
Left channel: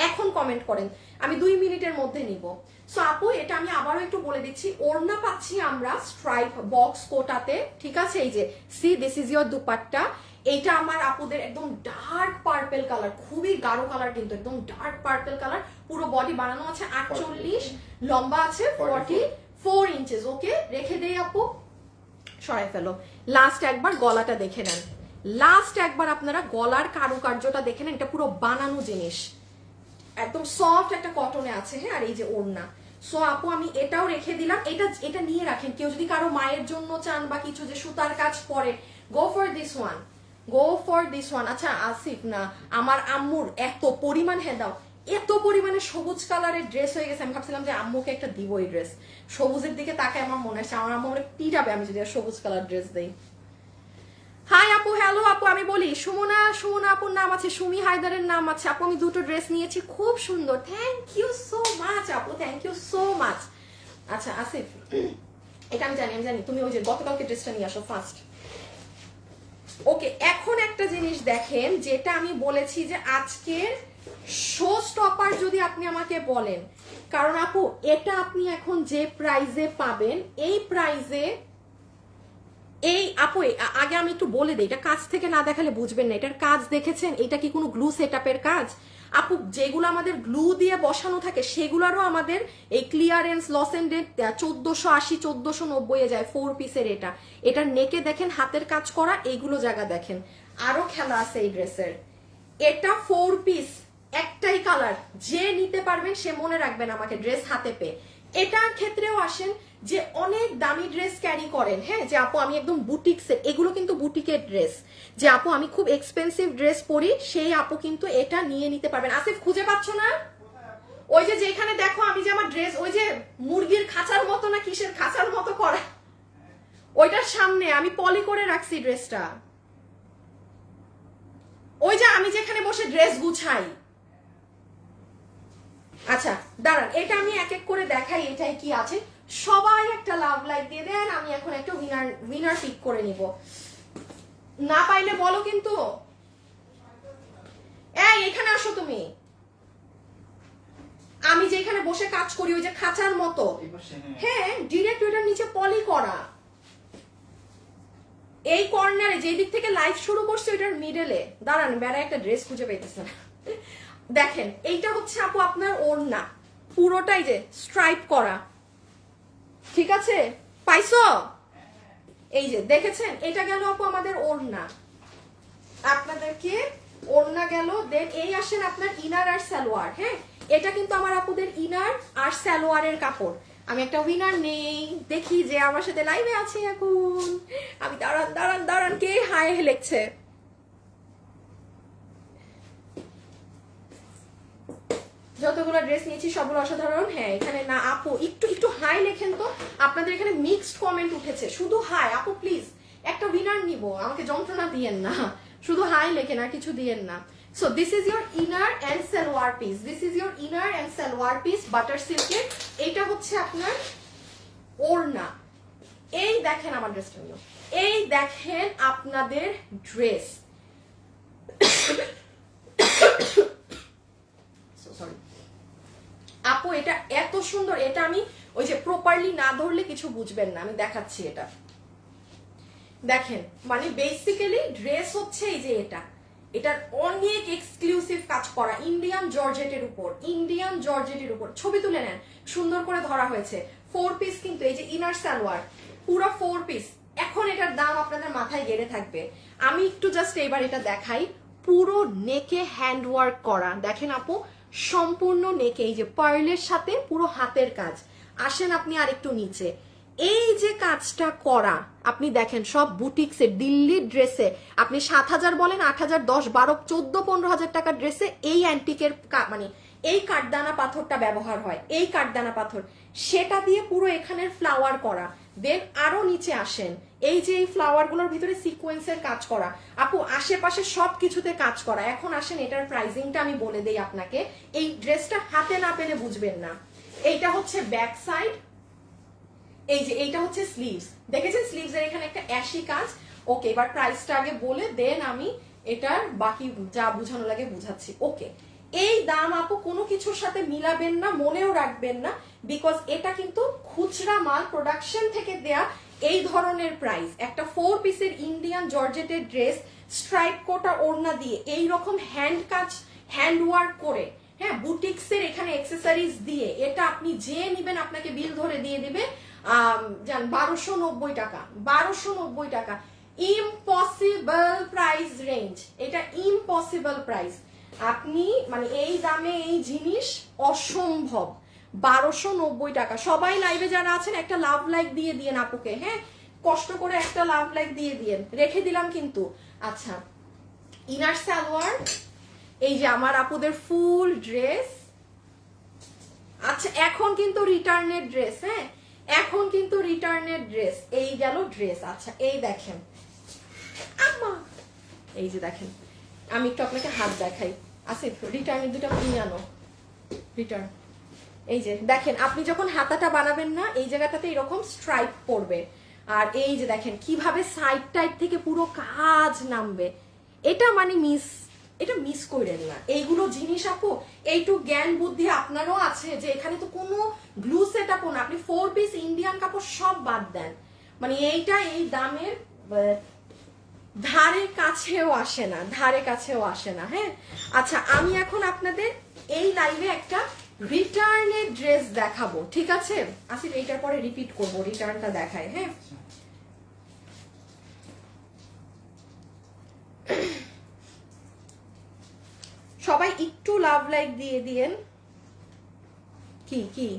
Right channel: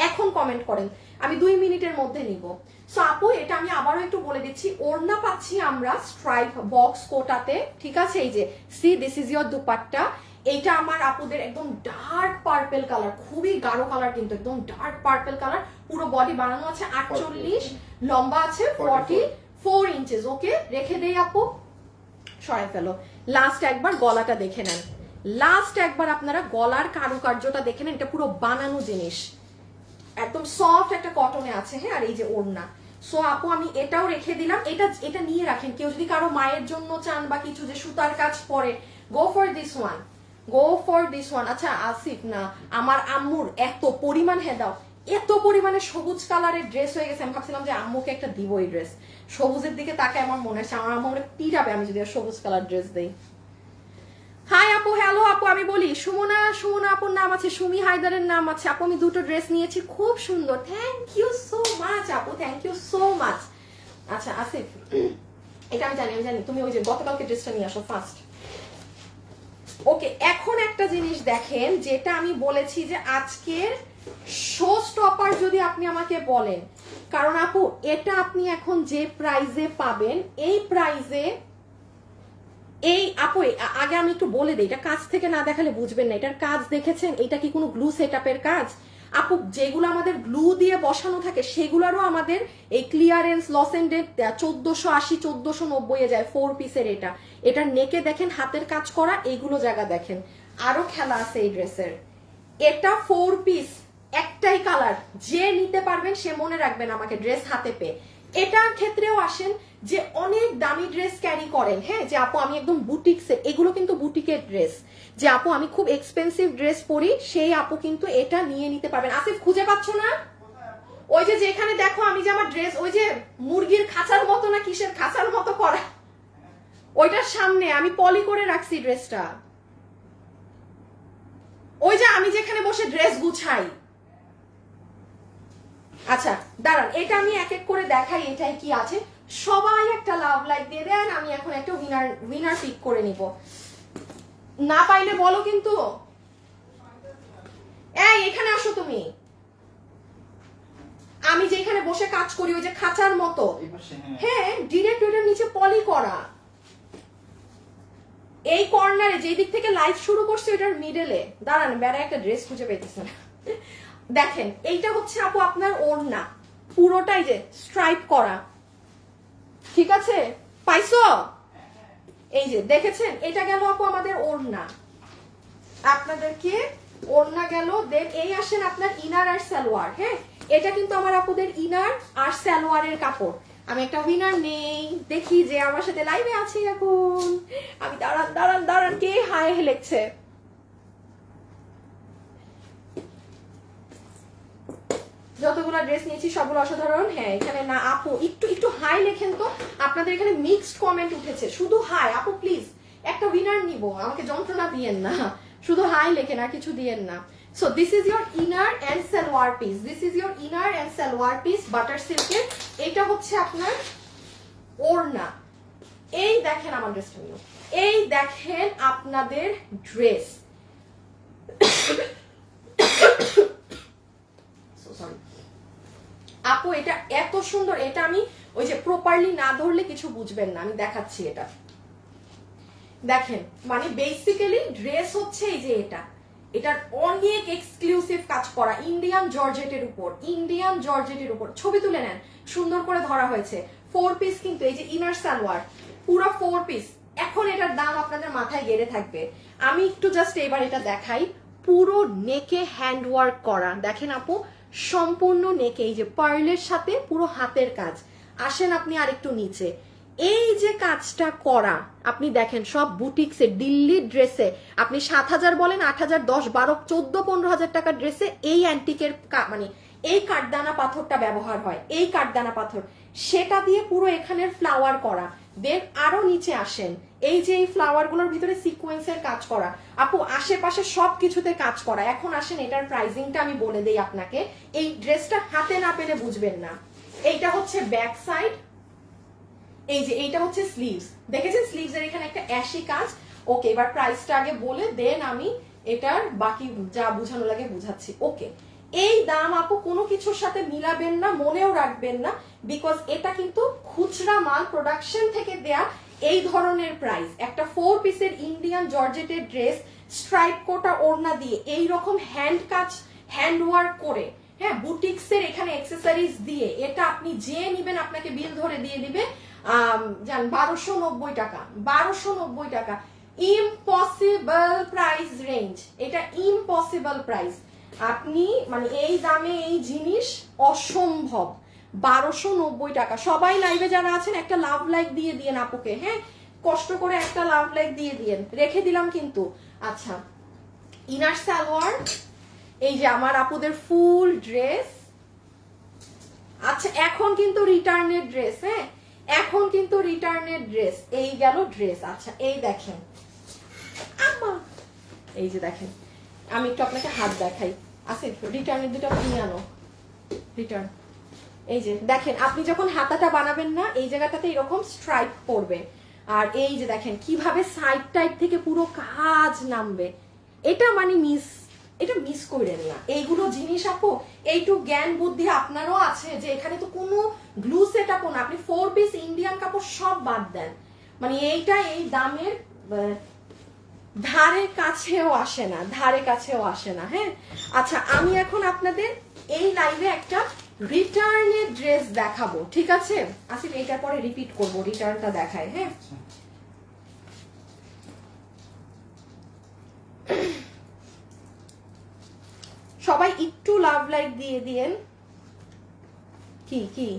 এখন কমেন্ট করেন, আমি 2 মিনিটের মধ্যে নিব। সো আপু এটা আমি আবারও একটু বলে দিচ্ছি, ওড়না পাচ্ছি আমরা স্ট্রাইপ বক্স কোটাতে। ঠিক আছে, এই যে C this is your dupatta. এইটা আমার আপুদের একদম ডার্ক পার্পল কালার, খুবই গাঢ় কালার কিন্তু একদম ডার্ক পার্পল কালার। পুরো বডি বানানো আছে 48, লম্বা আছে 44 ইঞ্চেস। ওকে, রেখে দেই আপু, সরাই ফেলো। লাস্ট একবার গলাটা দেখে নেন, লাস্ট একবার আপনারা গলার কারুকার্যটা দেখে নেন। এটা পুরো বানানো জিনিস, একদম সফট একটা কটনে আছে। হ্যাঁ, আর এই যে ওড়না। সো আপু আমি এটাও রেখে দিলাম, এটা নিয়ে রাখেন। কেউ যদি কারো মায়ের জন্য চান বা কিছু যে সুতার কাজ পরে, go for this one, go for this one. আচ্ছা আসিফ না, আমার আম্মুর এত পরিমাণ দাও, এত পরিমাণে সবুজ কালারের ড্রেস হয়ে গেছে, আমি ভাবছিলাম যে আম্মুকে একটা দিব এই ড্রেস। সবুজের দিকে তাকায় আমার মনে হচ্ছে আমার আম্মু পিটাবে আমি যদি সবুজ কালার ড্রেস দেই। হাই আপু, হ্যালো আপু, আমি বলি সুমনা আপুর নাম আছে, সুমি হায়দারের নাম আছে। আপু আমি দুটো ড্রেস নিয়েছি, খুব সুন্দর, থ্যাংক ইউ সো মাচ আপু, থ্যাংক ইউ সো মাচ। আচ্ছা আসিফ, এটা আমি জানি তুমি ওই যে গতকালকে ড্রেসটা নিয়ে আসো ফার্স্ট। ওকে, এখন একটা জিনিস দেখেন, যেটা আমি বলেছি যে আজকের শো স্টপার যদি আপনি আমাকে বলেন, কারণ আপু এটা আপনি এখন যে প্রাইজে পাবেন, এই প্রাইজে এই আপু আগে আমি একটু বলে দিই, এটা কাজ থেকে না দেখালে বুঝবেন না। এটার কাজ দেখেছেন? এটা কি কোনো গ্লু সেটআপের কাজ? আপু যেগুলো আমাদের গ্লু দিয়ে বসানো থাকে সেগুলোরও আমাদের এই ক্লিয়ারেন্স লস এন্ডে 1480 1490 যায় 4 পিসের। এটার নেকে দেখেন হাতের কাজ করা, এইগুলো জায়গা দেখেন। আরো খেলা আছে এই ড্রেসের। এটা 4 পিস, একটাই কালার, যে নিতে পারবেন সে মনে রাখবেন আমাকে ড্রেস হাতে পেয়ে। এটার ক্ষেত্রেও আসেন যে অনেক দামি ড্রেস ক্যারি করেন, হ্যাঁ, যে আপু আমি একদম বুটিক্সের, এগুলো কিন্তু বুটিকের ড্রেস, যে আপু আমি খুব এক্সপেন্সিভ ড্রেস পরি, সেই আপু কিন্তু এটা নিয়ে নিতে পারবেন। আসিফ খুঁজে পাচ্ছ না? ওই যে যেখানে দেখো আমি যে আমার ড্রেস ওই যে মুরগির খাঁচার মতো না কিসের খাঁচার মতো করা, ওইটার সামনে আমি পলি করে রাখছি ড্রেসটা। ওই যে আমি যেখানে বসে ড্রেস গুছাই। আচ্ছা দাঁড়ান, এটা আমি এক এক করে দেখাই এটাই কি আছে। সবাই একটা লাভ লাইক দিয়ে দেন, আমি এখন একটা উইনার পিক করে নিব। না পাইলে বলো কিন্তু। এই এখানে আসো তুমি, আমি যেখানে বসে কাজ করি ওই যে খাঁচার মতো, হ্যাঁ ডিরেক্ট ওটার নিচে পলি করা। এই কর্নারে যেই দিক থেকে লাইভ শুরু করছো এটার মিডলে। দাঁড়ান, বেড়া একটা ড্রেস খুঁজে পেতেছে। দেখেন এইটা হচ্ছে আপু আপনার ওড়না, পুরোটাই যে স্ট্রাইপ করা, ঠিক আছে? পাইছো? এই যে দেখেছেন, এটা গেল আপু আমাদের ওড়না, আপনাদেরকে ওড়না গেল। দেন এই আসেন আপনার ইনার আর সালোয়ার। হ্যাঁ, এটা কিন্তু আমার আপুদের ইনার আর সালোয়ারের কাপড়। আমি একটা উইনার নেই, দেখি যে আমার সাথে লাইভে আছে এখন। আমি দাঁড়ান কে হাই লেখছে? যতগুলো ড্রেস নিয়েছি সবগুলো অসাধারণ। হ্যাঁ এখানে না আপু একটু হাই লেখেন তো, আপনাদের এখানে মিক্সড কমেন্ট উঠেছে, শুধু হাই। আপু প্লিজ একটা উইনার নিব, আমাকে যন্ত্রণা দিয়েন না, শুধু হাই লেখেন আর কিছু দিয়েন না। So this is your inner and salwar piece, this is your inner and salwar piece butter সিল্কের। এটা হচ্ছে আপনার ওড়না। এই দেখেন আমার ড্রেসটা নিয়ে, এই দেখেন আপনাদের ড্রেস। সরি আপু, এটা এত সুন্দর, এটা আমি ওই যে প্রপারলি না ধরলে কিছু বুঝবেন না, আমি দেখাচ্ছি। এটা দেখেন, মানে বেসিক্যালি ড্রেস হচ্ছে এই যে এটার অনেক এক্সক্লুসিভ কাজ করা ইন্ডিয়ান জর্জেটের উপর, ছবি তুলে নেন, সুন্দর করে ধরা হয়েছে। 4 পিস কিন্তু, এই যে ইনার সালোয়ার পুরো 4 পিস। এখন এটার দাম আপনাদের মাথায় গেড়ে থাকবে। আমি একটু জাস্ট এবার এটা দেখাই, পুরো নেকে হ্যান্ড ওয়ার্ক করা। দেখেন আপু সম্পূর্ণ নেকে, এই যে পার্লের সাথে পুরো হাতের কাজ। আসেন আপনি আরেকটু নিচে, এই যে কাজটা করা আপনি দেখেন, সব বুটিক্সে দিল্লির ড্রেসে আপনি 7,000 বলেন, 8,000, 10, 12, 14, 15,000 টাকার ড্রেসে এই অ্যান্টিকের মানে এই কাঠদানা পাথরটা ব্যবহার হয়, এই কাঠদানা পাথর, সেটা দিয়ে পুরো এখানের ফ্লাওয়ার করা। দেন আরো নিচে আসেন, এই যে এই ফ্লাওয়ার গুলোর ভিতরে সিকোয়েন্সের কাজ করা। আপু আশেপাশে সবকিছুতে কাজ করা। এখন আসেন এটার প্রাইসিংটা আমি বলে দেই আপনাকে, এই ড্রেসটা হাতে না পেলে বুঝবেন না। এইটা হচ্ছে ব্যাক সাইড, এই যে এইটা হচ্ছে স্লিভস, দেখেছেন স্লিভস এর এখানে একটা অ্যাশি কাজ। ওকে, এবার প্রাইসটা আগে বলে দেন আমি এটার বাকি যা বুঝানো লাগে বুঝাচ্ছি। ওকে, এই দাম আপু কোনো কিছুর সাথে মিলাবেন না, মনেও রাখবেন না, বিকজ এটা কিন্তু খুচরা মাল, প্রোডাকশন থেকে দেয়া এই ধরনের প্রাইস। একটা 4 পিসের ইন্ডিয়ান জর্জেটের ড্রেস স্ট্রাইপ কোটা ওড়না দিয়ে এইরকম হ্যান্ড কাজ, হ্যান্ড ওয়ার্ক করে, হ্যাঁ বুটিক্সের এখানে অ্যাক্সেসরিজ দিয়ে, এটা আপনি যে নিবেন আপনাকে বিল ধরে দিয়ে দিবে জান 1290 টাকা, 1290 টাকা। ইম্পসিবল প্রাইস রেঞ্জ, এটা ইম্পসিবল প্রাইস। আপনি মানে এই দামে এই জিনিস অসম্ভব, 1290 টাকা। সবাই লাইভে যারা আছেন একটা লাভ লাইক দিয়ে দিয়েন আপুকে, হ্যাঁ কষ্ট করে একটা লাভ লাইক দিয়ে দিয়েন, রেখে দিলাম কিন্তু। আচ্ছা ইনার সালোয়ার, এই যে আমার আপুদের ফুল ড্রেস। আচ্ছা এখন কিন্তু রিটার্নের ড্রেস, হ্যাঁ এখন কিন্তু রিটার্নের ড্রেস, এই গেল ড্রেস। আচ্ছা এই দেখেন এই যে দেখেন, আমি একটু আপনাকে হাত দেখাই। আসিফ রিটার্নের দুটো কিনে আনো, রিটার্ন। এই যে দেখেন আপনি যখন হাতাটা বানাবেন না এই জায়গাটাতে এরকম স্ট্রাইপ পড়বে, আর এই যে দেখেন কিভাবে সাইড টাইড থেকে পুরো কাজ নামবে। এটা মানে এটা মিস করেন না, এইগুলো জিনিস আপু এইটু জ্ঞান বুদ্ধি আপনারও আছে যে এখানে তো কোনো গ্লু সেট আপও না, আপনি 4 পিস ইন্ডিয়ান কাপড় সব বাদ দেন, মানে এইটা এই দামের ধারে কাছেও আসে না, ধারে কাছেও আসে না। হ্যাঁ আচ্ছা আমি এখন আপনাদের এই লাইভে একটা রিটার্নের ড্রেস দেখাবো, ঠিক আছে আসিফ এইটার পরে রিপিট করবো, রিটার্নটা দেখাই। হ্যাঁ সবাই একটু লাভ লাইক দিয়ে দিয়েন। কি কি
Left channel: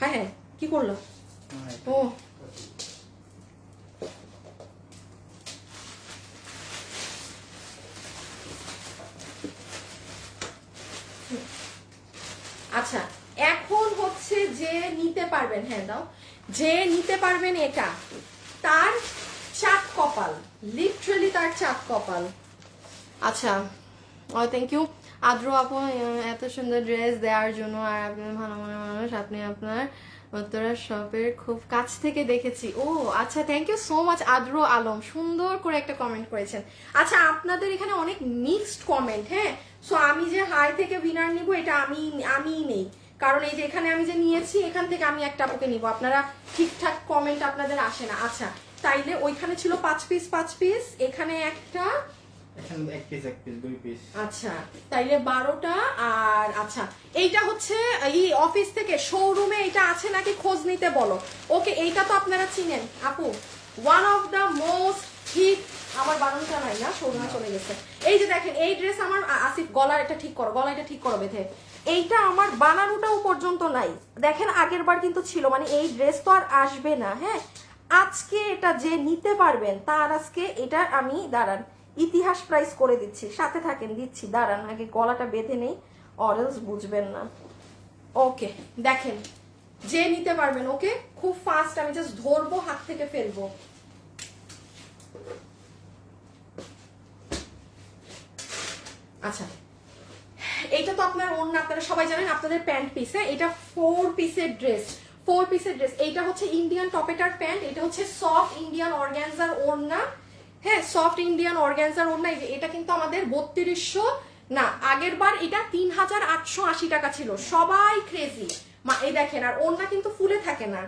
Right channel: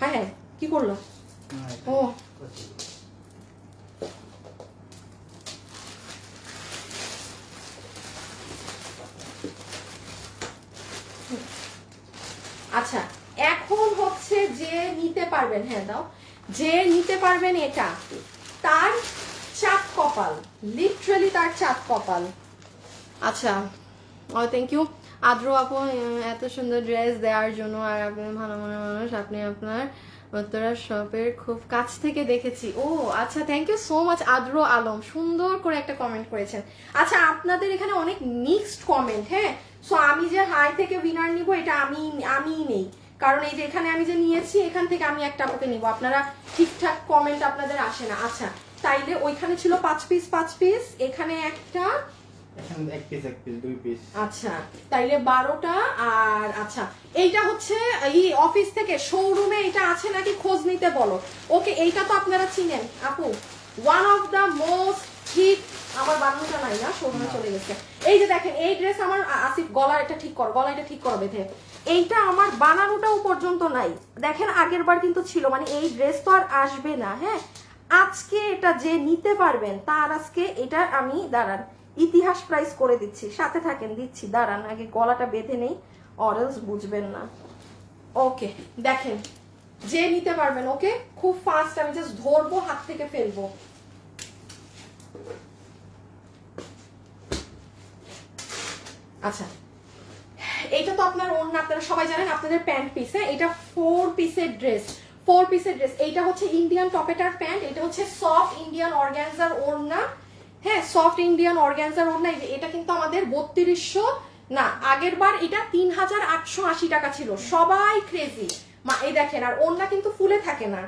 হ্যাঁ হ্যাঁ কি করলো? ও আচ্ছা এখন হচ্ছে যে নিতে পারবেন, হ্যাঁ দাও, যে নিতে পারবেন এটা তার চাঁদ কপাল, লিটারালি তার চাঁদ কপাল। আচ্ছা থ্যাংক ইউ আদ্র আপু এত সুন্দর ড্রেস দেওয়ার জন্য, আর আপনি ভালো মনের মানুষ, আপনি আপনার উত্তরা শপের খুব কাছ থেকে দেখেছি। ও আচ্ছা থ্যাংক ইউ সো মাচ আদ্র আলম, সুন্দর করে একটা কমেন্ট করেছেন। আচ্ছা আপনাদের এখানে অনেক মিক্সড কমেন্ট, হ্যাঁ সো আমি যে হাই থেকে উইনার নিব এটা আমি নেই, কারণ এই যে এখানে আমি যে নিয়েছি এখান থেকে আমি একটা আপুকে নিব, আপনারা ঠিকঠাক কমেন্ট আপনাদের আসে না। আচ্ছা তাইলে ওইখানে ছিল 5 পিস, এখানে একটা এক পিস 2 পিস। আচ্ছা তাইলে 12টা। আর আচ্ছা এইটা হচ্ছে এই অফিস থেকে শোরুমে এটা আছে নাকি খোঁজ নিতে বলো। ওকে এইটা তো আপনারা চিনেন আপু, one of the most hit, আমার বানানোটা নাই না শোরুমে চলে গেছে। এই যে দেখেন এই ড্রেস আমার আসিফ গলা এটা ঠিক করো, গলা এটা ঠিক করো বেঁধে, এইটা আমার বানানোটাও পর্যন্ত নাই। দেখেন আগের বার কিন্তু ছিল, মানে এই ড্রেস তো আর আসবে না। হ্যাঁ আজকে এটা যে নিতে পারবেন তার আজকে এটা আমি দাঁড়ান ইতিহাস প্রাইস করে দিচ্ছি, সাথে থাকেন দিচ্ছি, দাঁড়ান আগে গলাটা বেঁধে নেই অরেলস বুঝবেন না। ওকে দেখেন যে নিতে পারবেন, ওকে খুব ফাস্ট, আমি জাস্ট ধরবো হাত থেকে ফেলবো। আচ্ছা এটা তো আপনার অন্য, আপনারা সবাই জানেন আপনাদের প্যান্ট পিস, হ্যাঁ এটা 4 পিসের ড্রেস, 4 পিসের ড্রেস। এইটা হচ্ছে ইন্ডিয়ান টপেটার প্যান্ট, এটা হচ্ছে সফট ইন্ডিয়ান অর্গানজার ওড়না, হ্যাঁ সফট ইন্ডিয়ান অর্গানজার ওড়না। এটা কিন্তু আমাদের 3200 না, আগের বার এটা 3880 টাকা ছিল, সবাই ক্রেজি মা। এই দেখেন আর ওড়না কিন্তু ফুলে থাকে না,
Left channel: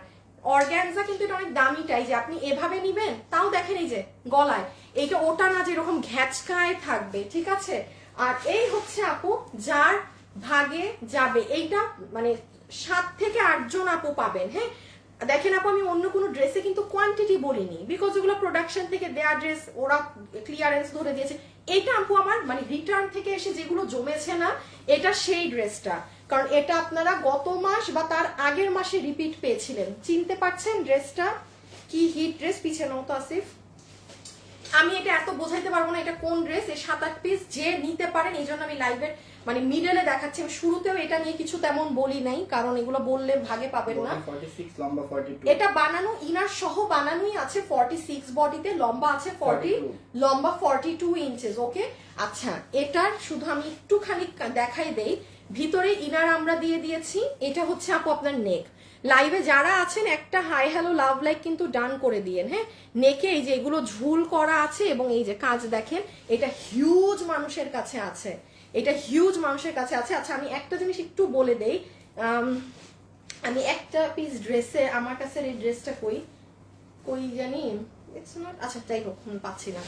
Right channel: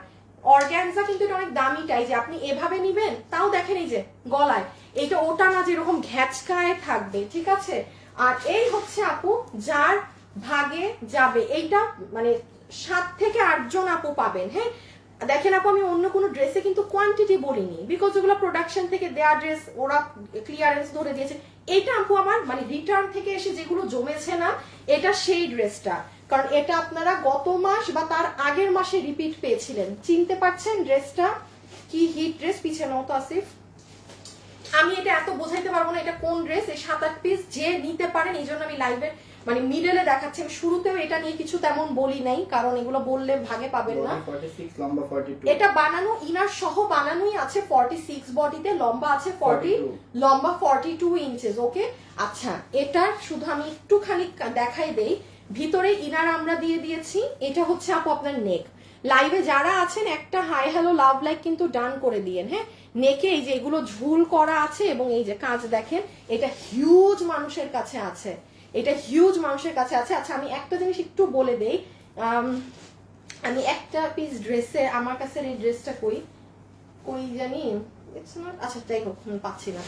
অর্গানজা কিন্তু এটা অনেক দামিটাই, যে আপনি এভাবে নিবেন তাও দেখেন এই যে গলায় এটা ওটা না যেরকম ঘ্যাচকায় থাকবে, ঠিক আছে। আর এই হচ্ছে আপু যার ভাগে যাবে, এইটা মানে 7 থেকে 8 জন আপু পাবেন। হ্যাঁ দেখেন আপু আমি অন্য কোনো ড্রেসে কিন্তু কোয়ান্টিটি বলিনি, বিকজ ওগুলো প্রোডাকশন থেকে দেয়া ড্রেস, ওরা ক্লিয়ারেন্স ধরে দিয়েছে। এটা আপু আমার মানে রিটার্ন থেকে এসে যেগুলো জমেছে না, এটা সেই ড্রেসটা, কারণ এটা আপনারা গত মাস বা তার আগের মাসে রিপিট পেয়েছিলেন। চিনতে পারছেন ড্রেসটা কি হিট ড্রেস? পিছনে তো আসিফ আমি এটা এত বোঝাইতে পারবো না এটা কোন ড্রেস। এই 7-8 পিস যে নিতে পারেন, এই জন্য আমি লাইভে মানে মিডলে দেখাচ্ছি। শুরুতেও এটা নিয়ে কিছু তেমন বলি নাই, কারণ এগুলো বললে ভাগে পাবেন না। 46 লম্বা 42, এটা বানানো ইনার সহ বানানোই আছে 46 বডিতে, লম্বা আছে 40, লম্বা 42 ইঞ্চেস। ওকে আচ্ছা এটা শুধু আমি একটুখানি দেখাই দেই, ভিতরে ইনার আমরা দিয়ে দিয়েছি। এটা হচ্ছে আপু আপনার নেক। লাইভে যারা আছেন একটা হাই হ্যালো লাভ লাইক কিন্তু ডান করে দিয়েন। হ্যাঁ নেকে এই যে এগুলো ঝুল করা আছে, এবং এই যে কাজ দেখেন, এটা হিউজ মানুষের কাছে আছে, এটা হিউজ মানুষের কাছে আছে। আচ্ছা আমি একটা জিনিস একটু বলে দেই, আমি একটা পিস ড্রেসে আমার কাছে এই ড্রেসটা কই জানি, ইটস নট, আচ্ছা তাই হোক পাচ্ছি না।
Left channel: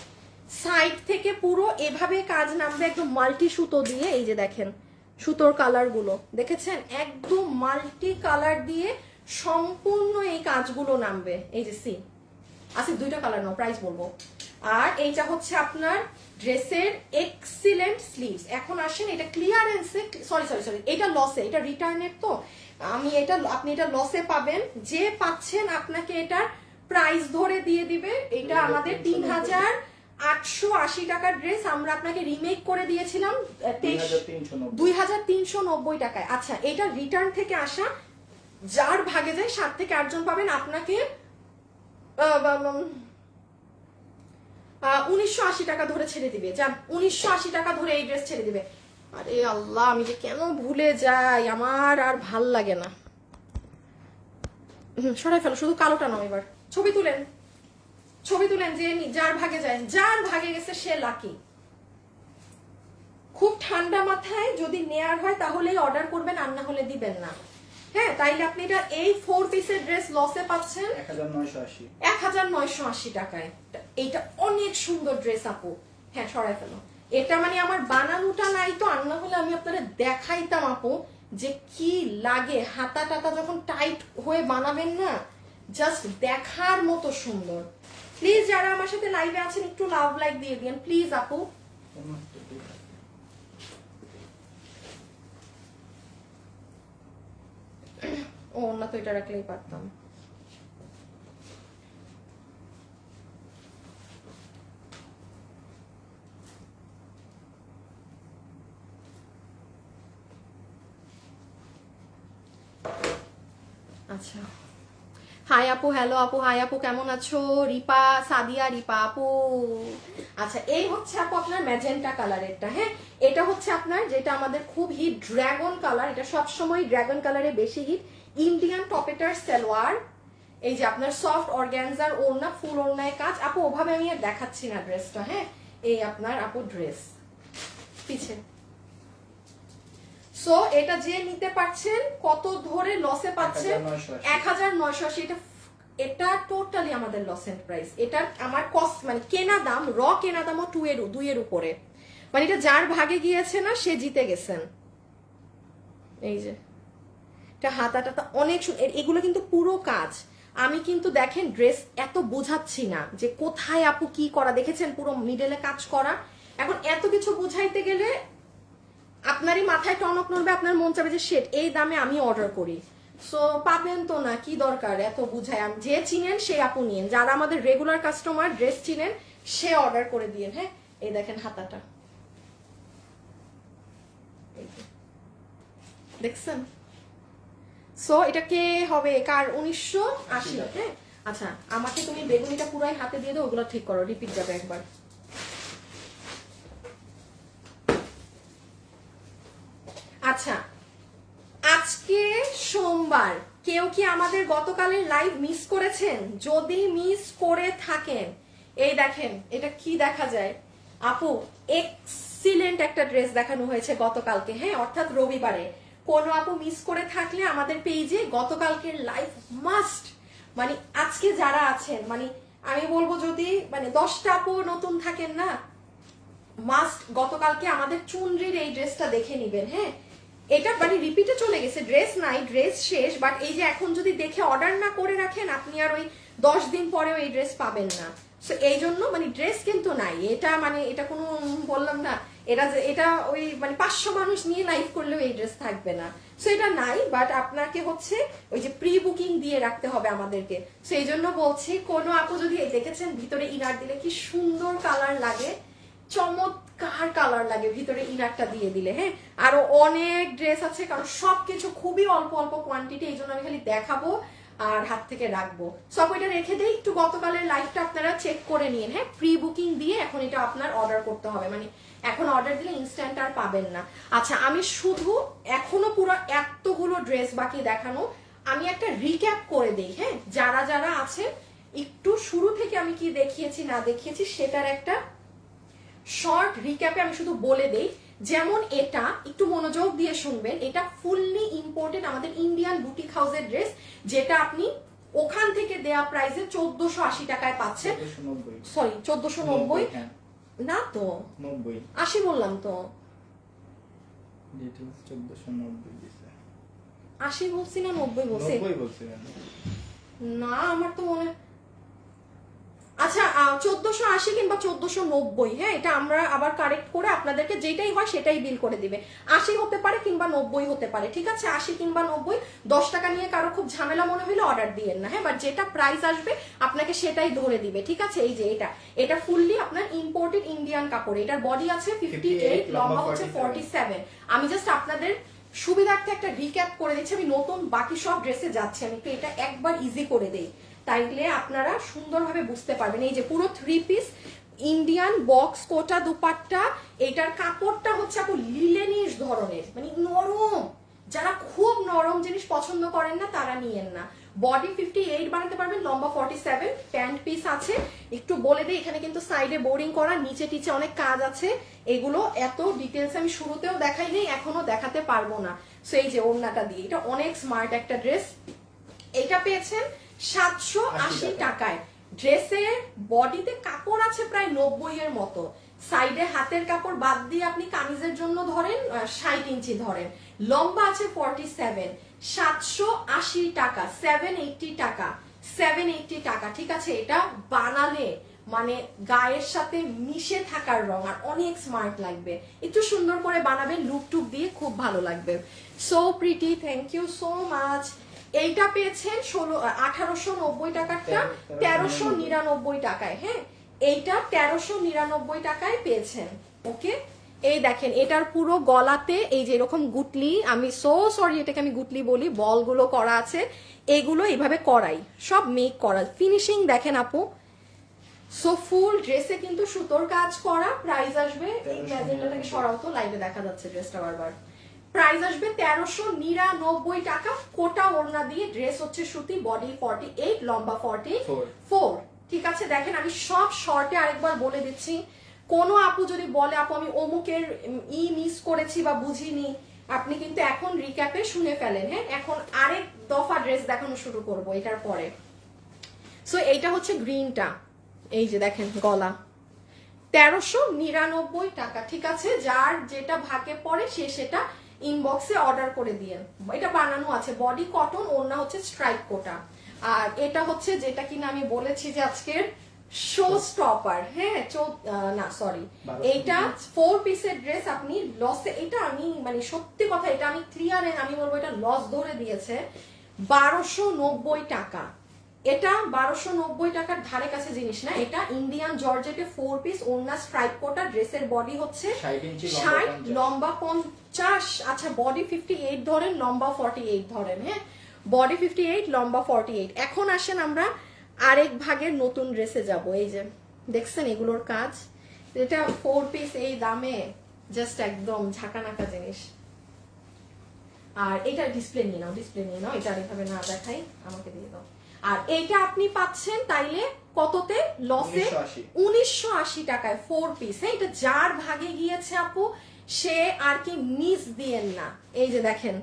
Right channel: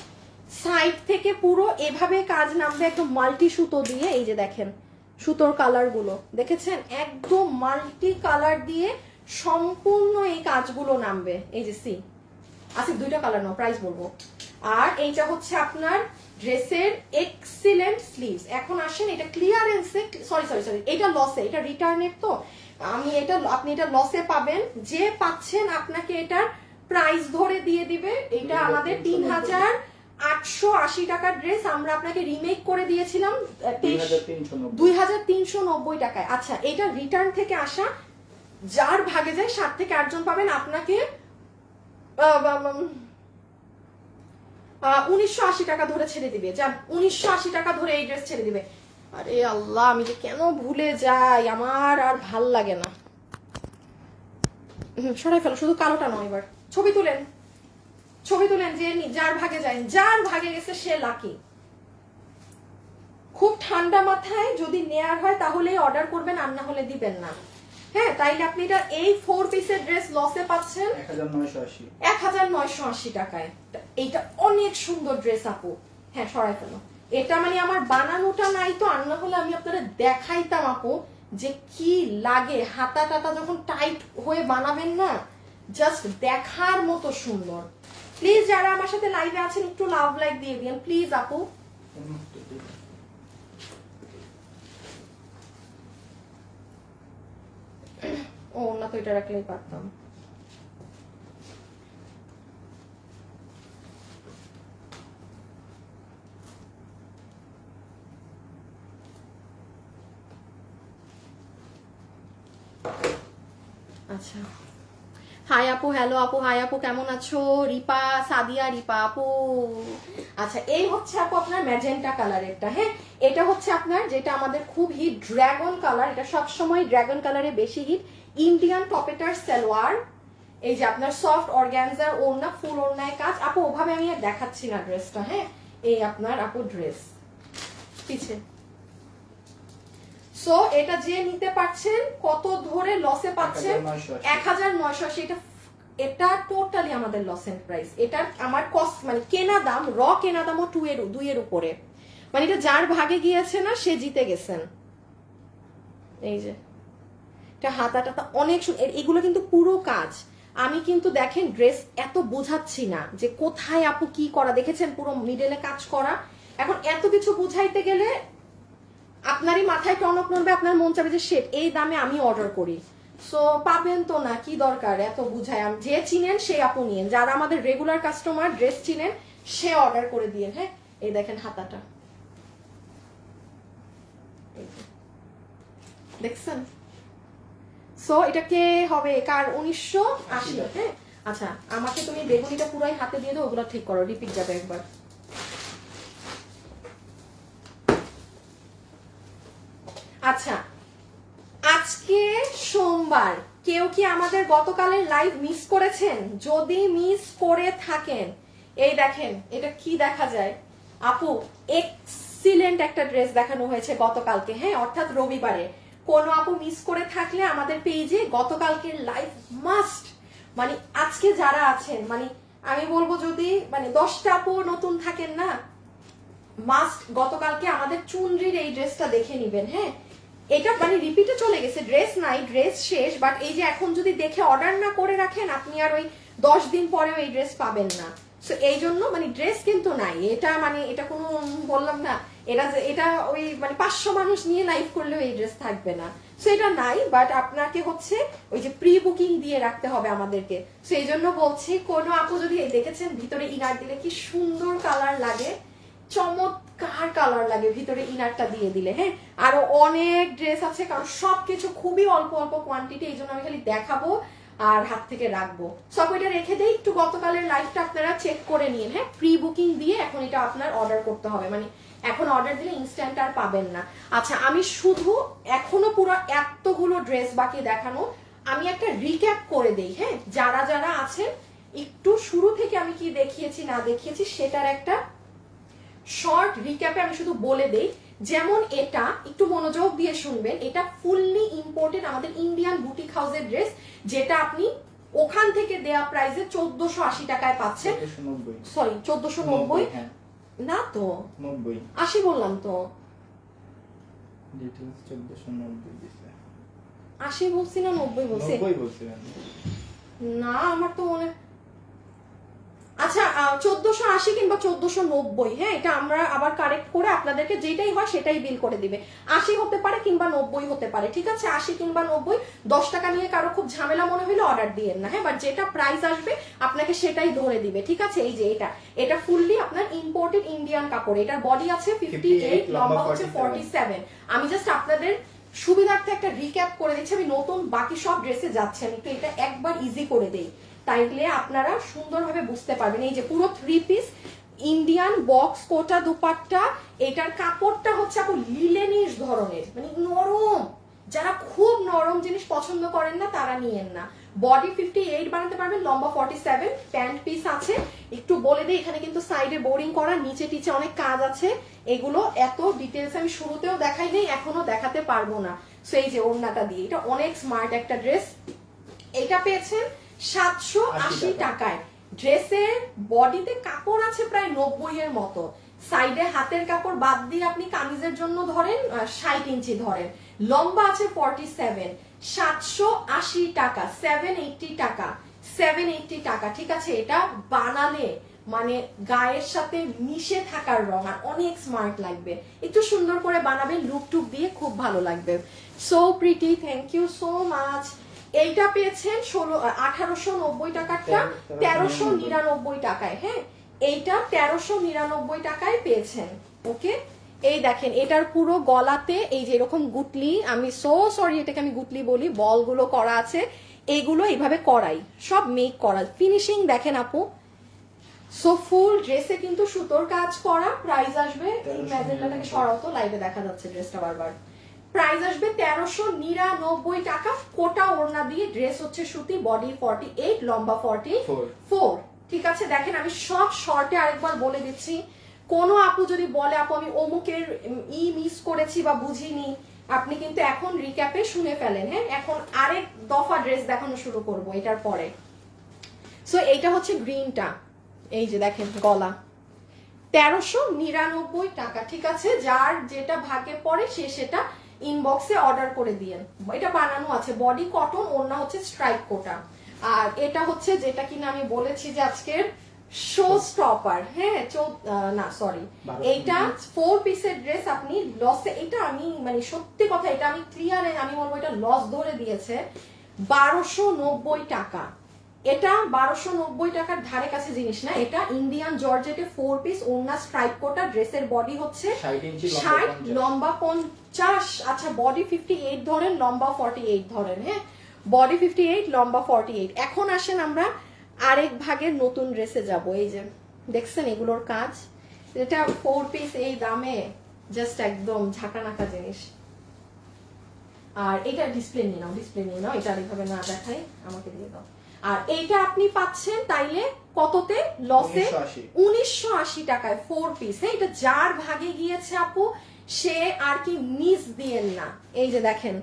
সাইড থেকে পুরো এভাবে কাজ নামবে একদম মাল্টি সুতো দিয়ে, এই যে দেখেন সুতোর কালার গুলো দেখেছেন, একদম মাল্টি কালার দিয়ে সম্পূর্ণ এই কাজগুলো নামবে। এই যে সি আসিফ 2টা কালার নাও, প্রাইস বলবো। আর এইটা হচ্ছে আপনার ড্রেসের এক্সিলেন্ট স্লিভস। এখন আসেন এটা ক্লিয়ারেন্সে, সরি সরি সরি, এটা লসে, এটা রিটার্নের তো আমি এটা, আপনি এটা লসে পাবেন। যে পাচ্ছেন আপনাকে এটার প্রাইস ধরে দিয়ে দিবে। এটা আমাদের 3880 টাকার ড্রেস, আমরা আপনাকে রিমেক করে দিয়েছিলাম 2390 টাকায়। আচ্ছা, এটা রিটার্ন থেকে আসা, যার ভাগে যায় 7 থেকে 8 জন পাবেন। আপনাকে 1980 টাকা ধরে ছেড়ে দিবে, যান 1980 টাকা ধরে এই ড্রেস ছেড়ে দিবে। আরে আল্লাহ, আমি যে কেন ভুলে যাই, আমার আর ভাল লাগে না। সরাই ফেলো, শুধু কালোটা নয়। এবার ছবি তুলেন, ছবি তুলেন, যে যার ভাগে যায়, যার ভাগে গেছে সে লাকি। খুব ঠান্ডা মাথায় যদি নেয়ার হয় তাহলে অর্ডার করবেন, আর না হলে দিবেন না। হ্যাঁ, তাইলে আপনি এটা এই 4 পিসের ড্রেস লসে পাচ্ছেন 1980 টাকায়। এটা অনেক সুন্দর ড্রেস আপু। হ্যাঁ, সরাই ফেলো। এটা মানে আমার বানানোটা নাই তো, আর না হলে আমি আপনাদের দেখাইতাম আপু যে কি লাগে। হাতা টাতা যখন টাইট হয়ে বানাবেন না, জাস্ট দেখার মতো সুন্দর। প্লিজ যারা আমার সাথে লাইভে আছেন একটু লাভ লাইক দিয়ে দিন প্লিজ আপু। ও না, তো এটা রাখলেই পারতাম। আচ্ছা, হাই আপু, হ্যালো আপু, হাই আপু, কেমন আছো? রিপা সাদিয়া, রিপা আপু। আচ্ছা, এই হচ্ছে আপু আপনার ম্যাজেন্টা কালারেরটা। হ্যাঁ, এটা হচ্ছে আপনার যেটা আমাদের খুব হিট ড্রাগন কালার। এটা সবসময় ড্রাগন কালারে বেশি হিট। ইন্ডিয়ান টপেটার সালোয়ার, এই যে আপনার সফট অর্গানজার ওড়না, ফুল ওড়নায় কাজ। আপু ওভাবে আমি আর দেখাচ্ছি না ড্রেসটা। হ্যাঁ, এই আপনার আপু ড্রেস পিছে। সো এটা যে নিতে পারছেন, কত ধরে লসে পাচ্ছেন? 1980। এটা টোটালি আমাদের লস এন্ড প্রাইস। এটা আমার কস্ট মানে কেনা দাম, র কেনা দামও 2 এর উপরে। মানে এটা যার ভাগে গিয়েছে না, সে জিতে গেছেন। এই যে এটা হাতা টাতা অনেক, এগুলো কিন্তু পুরো কাজ। আমি কিন্তু দেখেন ড্রেস এত বোঝাচ্ছি না যে কোথায় আপু কি করা, দেখেছেন পুরো মিডলে কাজ করা। এখন এত কিছু বুঝাইতে গেলে আপনারই মাথায় টনক নড়বে, আপনার মন চাবে যে শেট এই দামে আমি অর্ডার করি। সো পাবেন তো না, কি দরকার এত বুঝায়। যে চিনেন সে আপু নিয়েন, যারা আমাদের রেগুলার কাস্টমার ড্রেস চিনেন সে অর্ডার করে দিয়ে। হ্যাঁ, এই দেখেন হাতাটা, দেখছেন? সো এটা কে হবে, কার? 1980। হ্যাঁ, আচ্ছা, আমাকে তুমি বেগুনিটা পুরাই হাতে দিয়ে দাও, ওগুলো ঠিক করো, রিপিট যাবে একবার। আচ্ছা, আজকে সোমবার, কেউ কি আমাদের গতকালের লাইভ মিস করেছেন? যদি মিস করে থাকেন, এই দেখেন এটা কি দেখা যায় আপু, এক্সিলেন্ট একটা ড্রেস দেখানো হয়েছে গতকালকে। হ্যাঁ, অর্থাৎ রবিবারে। কোন আপু মিস করে থাকলে আমাদের পেজে গতকালকের লাইভ মাস্ট, মানে আজকে যারা আছেন, মানে আমি বলবো যদি মানে 10টা আপু নতুন থাকেন না, মাস্ট গতকালকে আমাদের চুনরির এই ড্রেসটা দেখে নিবেন। হ্যাঁ, এটা মানে রিপিটে চলে গেছে, ড্রেস নাই, ড্রেস শেষ। বাট এই যে এখন যদি দেখে অর্ডার না করে রাখেন, আপনি আর ওই 10 দিন পরেও এই ড্রেস পাবেন না। সো এই জন্য মানে ড্রেস কিন্তু নাই। এটা মানে এটা কোনো বললাম না, এটা ওই মানে 500 মানুষ নিয়ে লাইভ করলেও এই ড্রেস থাকবে না। সো এটা নাই, বাট আপনাকে হচ্ছে ওই যে প্রি বুকিং দিয়ে রাখতে হবে আমাদেরকে। সেই জন্য বলছি, কোনো আপু যদি দেখেছেন ভিতরে ইনার দিলে কি সুন্দর কালার লাগে, চমৎকার কালার লাগে ভিতরে ইনারটা দিয়ে দিলে। হ্যাঁ, আরো অনেক ড্রেস আছে, কারণ সবকিছু খুবই অল্প অল্প কোয়ান্টিটি, এই জন্য আমি খালি দেখাবো আর হাত থেকে রাখবো। সব এটা রেখে দিই, একটু গতকালের লাইভটা আপনারা চেক করে নিন। হ্যাঁ, প্রি বুকিং দিয়ে এখন এটা আপনার অর্ডার করতে হবে, মানে এখন অর্ডার দিলে ইনস্ট্যান্ট আর পাবেন না। আচ্ছা, আমি শুধু এখনো পুরো এতগুলো ড্রেস বাকি দেখানো, আমি একটা রিক্যাপ করে দেই। হ্যাঁ, যারা যারা আছে একটু শুরু থেকে আমি কি দেখিয়েছি না দেখিয়েছি সেটার একটা শর্ট রিক্যাপে আমি শুধু বলে দেই। যেমন এটা একটু মনোযোগ দিয়ে শুনবেন, এটা ফুললি ইম্পোর্টেড আমাদের ইন্ডিয়ান বুটিক হাউসের ড্রেস, যেটা আপনি ওখান থেকে দেয়া প্রাইসে 1480 টাকায় পাচ্ছেন। সরি 1490 না তো 80 বললাম তো, 80 বলছি না 90 বলছি? না, আমার তো মনে আচ্ছা 1480 কিংবা 1490, হ্যাঁ এটা আমরা আবার কারেক্ট করে আপনাদেরকে যেটাই হয় সেটাই বিল করে দিবে। 80 হতে পারে কিংবা 90 হতে পারে, ঠিক আছে? 80 কিংবা 90, 10 টাকা নিয়ে কারো খুব ঝামেলা মনে হইলে অর্ডার দিয়েন না, হ্যাঁ? বাট যেটা প্রাইস আসবে আপনাকে সেটাই ধরে দিবে, ঠিক আছে? এই যে এটা ফুললি আপনার ইম্পোর্টেড ইন্ডিয়ান কাপড়, এটার বডি আছে 58, লম্বা হচ্ছে 47। আমি জাস্ট আপনাদের সুবিধার্থে একটা রিক্যাপ করে দিচ্ছি, আমি নতুন বাকি সব ড্রেসে যাচ্ছি, আমি একটু এটা একবার ইজি করে দেই, তাইলে আপনারা সুন্দরভাবে বুঝতে পারবেন। এই যে পুরো 3 পিস ইন্ডিয়ান বক্স কোটা দুপাট্টা, এটার কাপড়টা হচ্ছে আপু লিলেনিশ ধরনের, মানে নরম, যারা খুব নরম জিনিস পছন্দ করেন না তারা নিয়েন না। বডি 58 বানাতে পারবেন, লম্বা 47, প্যান্ট পিস আছে। একটু বলে দিই, এখানে কিন্তু সাইডে বোরিং করা, নিচে টিচে অনেক কাজ আছে, এগুলো এত ডিটেলস আমি শুরুতেও দেখাই নেই, এখনো দেখাতে পারবো না। সো এই যে ওড়নাটা দিয়ে, এটা অনেক স্মার্ট একটা ড্রেস। এটা পেয়েছেন 780 টাকায়। ড্রেসের বডিতে কাপড় আছে প্রায় 90 এর মতো, সাইডে হাতের কাপড় বাদ দিয়ে আপনি কামিজের জন্য ধরেন 60 ইঞ্চি ধরেন, লম্বা আছে 47, 780 টাকা, 780 টাকা, 780 টাকা, ঠিক আছে? এটা বানালে মানে গায়ের সাথে মিশে থাকার রং, আর অনেক স্মার্ট লাগবে। একটু সুন্দর করে বানাবেন, লুক টুক দিয়ে খুব ভালো লাগবে। So pretty, thank you so much. এইটা পেয়েছেন 1890 টাকারটা 1399 টাকায়, হ্যাঁ এইটা 1399 টাকায় পেয়েছেন। ওকে, এই দেখেন এটার পুরো গলাতে এই যে এরকম গুটলি, আমি সো সরি এটাকে আমি গুটলি বলি, বলগুলো করা আছে, এগুলো এইভাবে করাই, সব মেক করা, ফিনিশিং দেখেন আপু। সো ফুল ড্রেসে কিন্তু সুতোর কাজ করা। প্রাইস আসবে, এই ম্যাজেন্টাটাকে সরাও তো, লাইভে দেখা যাচ্ছে ড্রেসটা বারবার। প্রাইস আসবে 1399 টাকা, কোটা ওড়না দিয়ে, ড্রেস হচ্ছে সুতি, বডি 48, লম্বা 44, ঠিক আছে? দেখেন আমি সব শর্টে আরেকবার বলে দিচ্ছি, কোনো আপু যদি বলে আপু আমি অমুকের মিস করেছি বা বুঝিনি, আপনি কিন্তু এখন রিক্যাপে শুনে ফেলেন, হ্যাঁ? এখন আরেক দফা ড্রেস দেখানো শুরু করব এটার পরে। সো এইটা হচ্ছে গ্রিনটা, এই যে দেখেন গলা 1399 টাকা, ঠিক আছে? যার যেটা ভাগে পড়ে সে সেটা ইনবক্সে অর্ডার করে দিয়ে, এটা বানানো আছে, বডি কটন, ওড়না হচ্ছে স্ট্রাইপ কোটা। আর এটা হচ্ছে যেটা কিনা আমি বলেছি যে আজকের শো স্টপার, হ্যাঁ না সরি, এইটা 4 পিসের ড্রেস, আপনি লসে, এটা আমি মানে সত্যি কথা, এটা আমি ক্লিয়ার, আমি বলবো এটা লস ধরে দিয়েছে 1290 টাকা। এটা 1290 টাকার ধারে কাছে জিনিস না, এটা ইন্ডিয়ান জর্জেটে 4 পিস, ওড়না স্ট্রাইপ কোটা, ড্রেসের বডি হচ্ছে 60, লম্বা 50, আচ্ছা বডি 58 ধরেন, লম্বা 48 ধরেন, হ্যাঁ বডি 58, লম্বা 48। এখন আসেন আমরা আরেক ভাগের নতুন ড্রেসে যাব। এই যে দেখছেন এগুলোর কাজ, এটা 4 পিস এই দামে জাস্ট একদম ঝাঁকানাকা জিনিস। আর এটা ডিসপ্লে নিয়ে নাও, ডিসপ্লে নিয়ে নাও, এটা আরেকভাবে না দেখাই, আমাকে দিয়ে দাও। আর এইটা আপনি পাচ্ছেন তাইলে কততে? লসে 1980 টাকায় 4 পিস, হ্যাঁ এটা যার ভাগে গিয়েছে আপু সে আর কি মিস দিয়েন না। এই যে দেখেন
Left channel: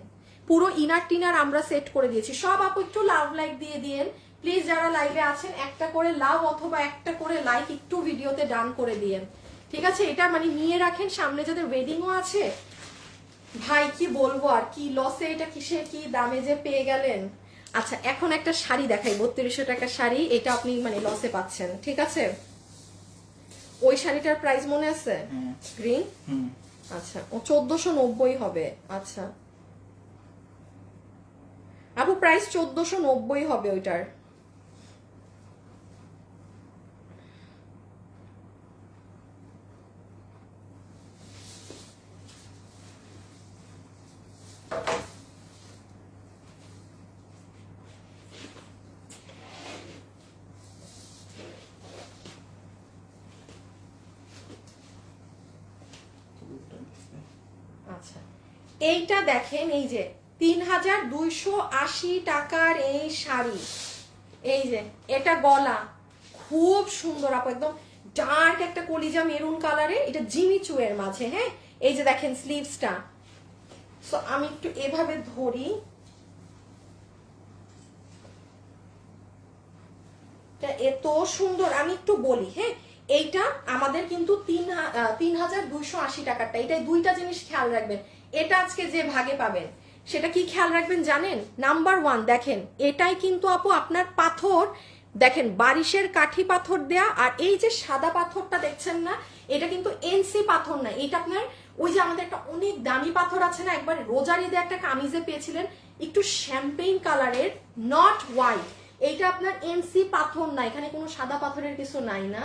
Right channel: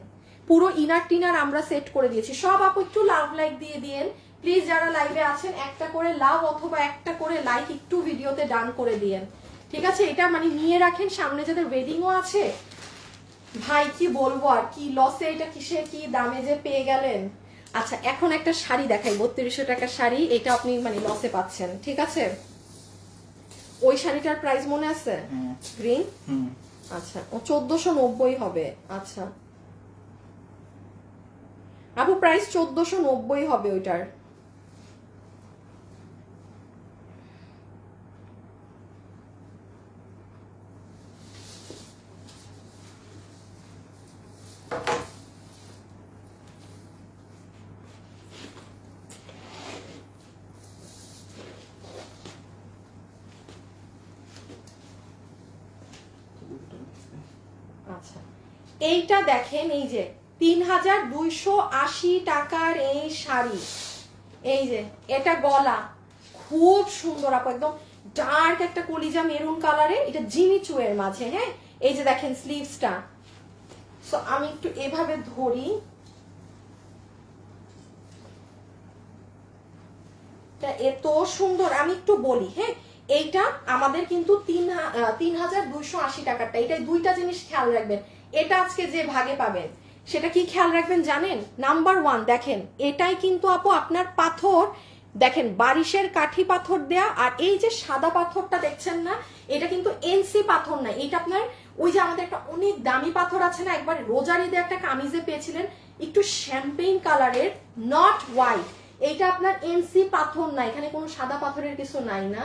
পুরো ইনার টিনার আমরা সেট করে দিয়েছি, সব আপু একটু লাভ লাইক দিয়ে দিয়েন প্লিজ, যারা লাইভে আছেন একটা করে লাভ অথবা একটা করে লাইক একটু ভিডিওতে ডান করে দিয়েন, ঠিক আছে? এটা মানে নিয়ে রাখেন, সামনে যাদের ওয়েডিংও আছে, ভাই কি বলবো আর কি লসে, এটা কিসে কি দামে যে পেয়ে গেলেন। আচ্ছা এখন একটা শাড়ি দেখাই, 3200 টাকার শাড়ি, এটা আপনি মানে লসে পাচ্ছেন, ঠিক আছে? ওই শাড়িটার প্রাইস মনে আছে? গ্রিন, আচ্ছা ও 1490 হবে। আচ্ছা আপু প্রাইস 1490 হবে ওইটার। আচ্ছা এইটা দেখেন, এই যে 3280 টাকার এই শাড়ি, এই যে এটা গলা খুব সুন্দর আপু, একদম ডার্ক একটা কলিজা মেরুন কালারে, এটা জিমিচু এর মাঝে, হ্যাঁ এই যে দেখেন স্লিভসটা। সো আমি একটু এভাবে ধরি, এত সুন্দর, আমি একটু বলি, হ্যাঁ এইটা আমাদের কিন্তু 3280 টাকারটা, এটাই দুইটা জিনিস খেয়াল রাখবেন, এটা আজকে যে ভাগে পাবেন সেটা কি খেয়াল রাখবেন জানেন? নাম্বার 1 দেখেন এটাই কিন্তু আপু আপনার পাথর দেখেন বারিশের কাঠি পাথর দেয়া, আর এই যে সাদা পাথরটা দেখছেন না, এটা কিন্তু এনসি পাথর না, এটা আপনার ওই যে আমাদের একটা অনেক দামি পাথর আছে না, একবার রোজার ঈদে একটা কামিজে পেয়েছিলেন একটু শ্যাম্পেইন কালারের, নট হোয়াইট, এইটা আপনার এনসি পাথর না, এখানে কোনো সাদা পাথরের কিছু নাই না,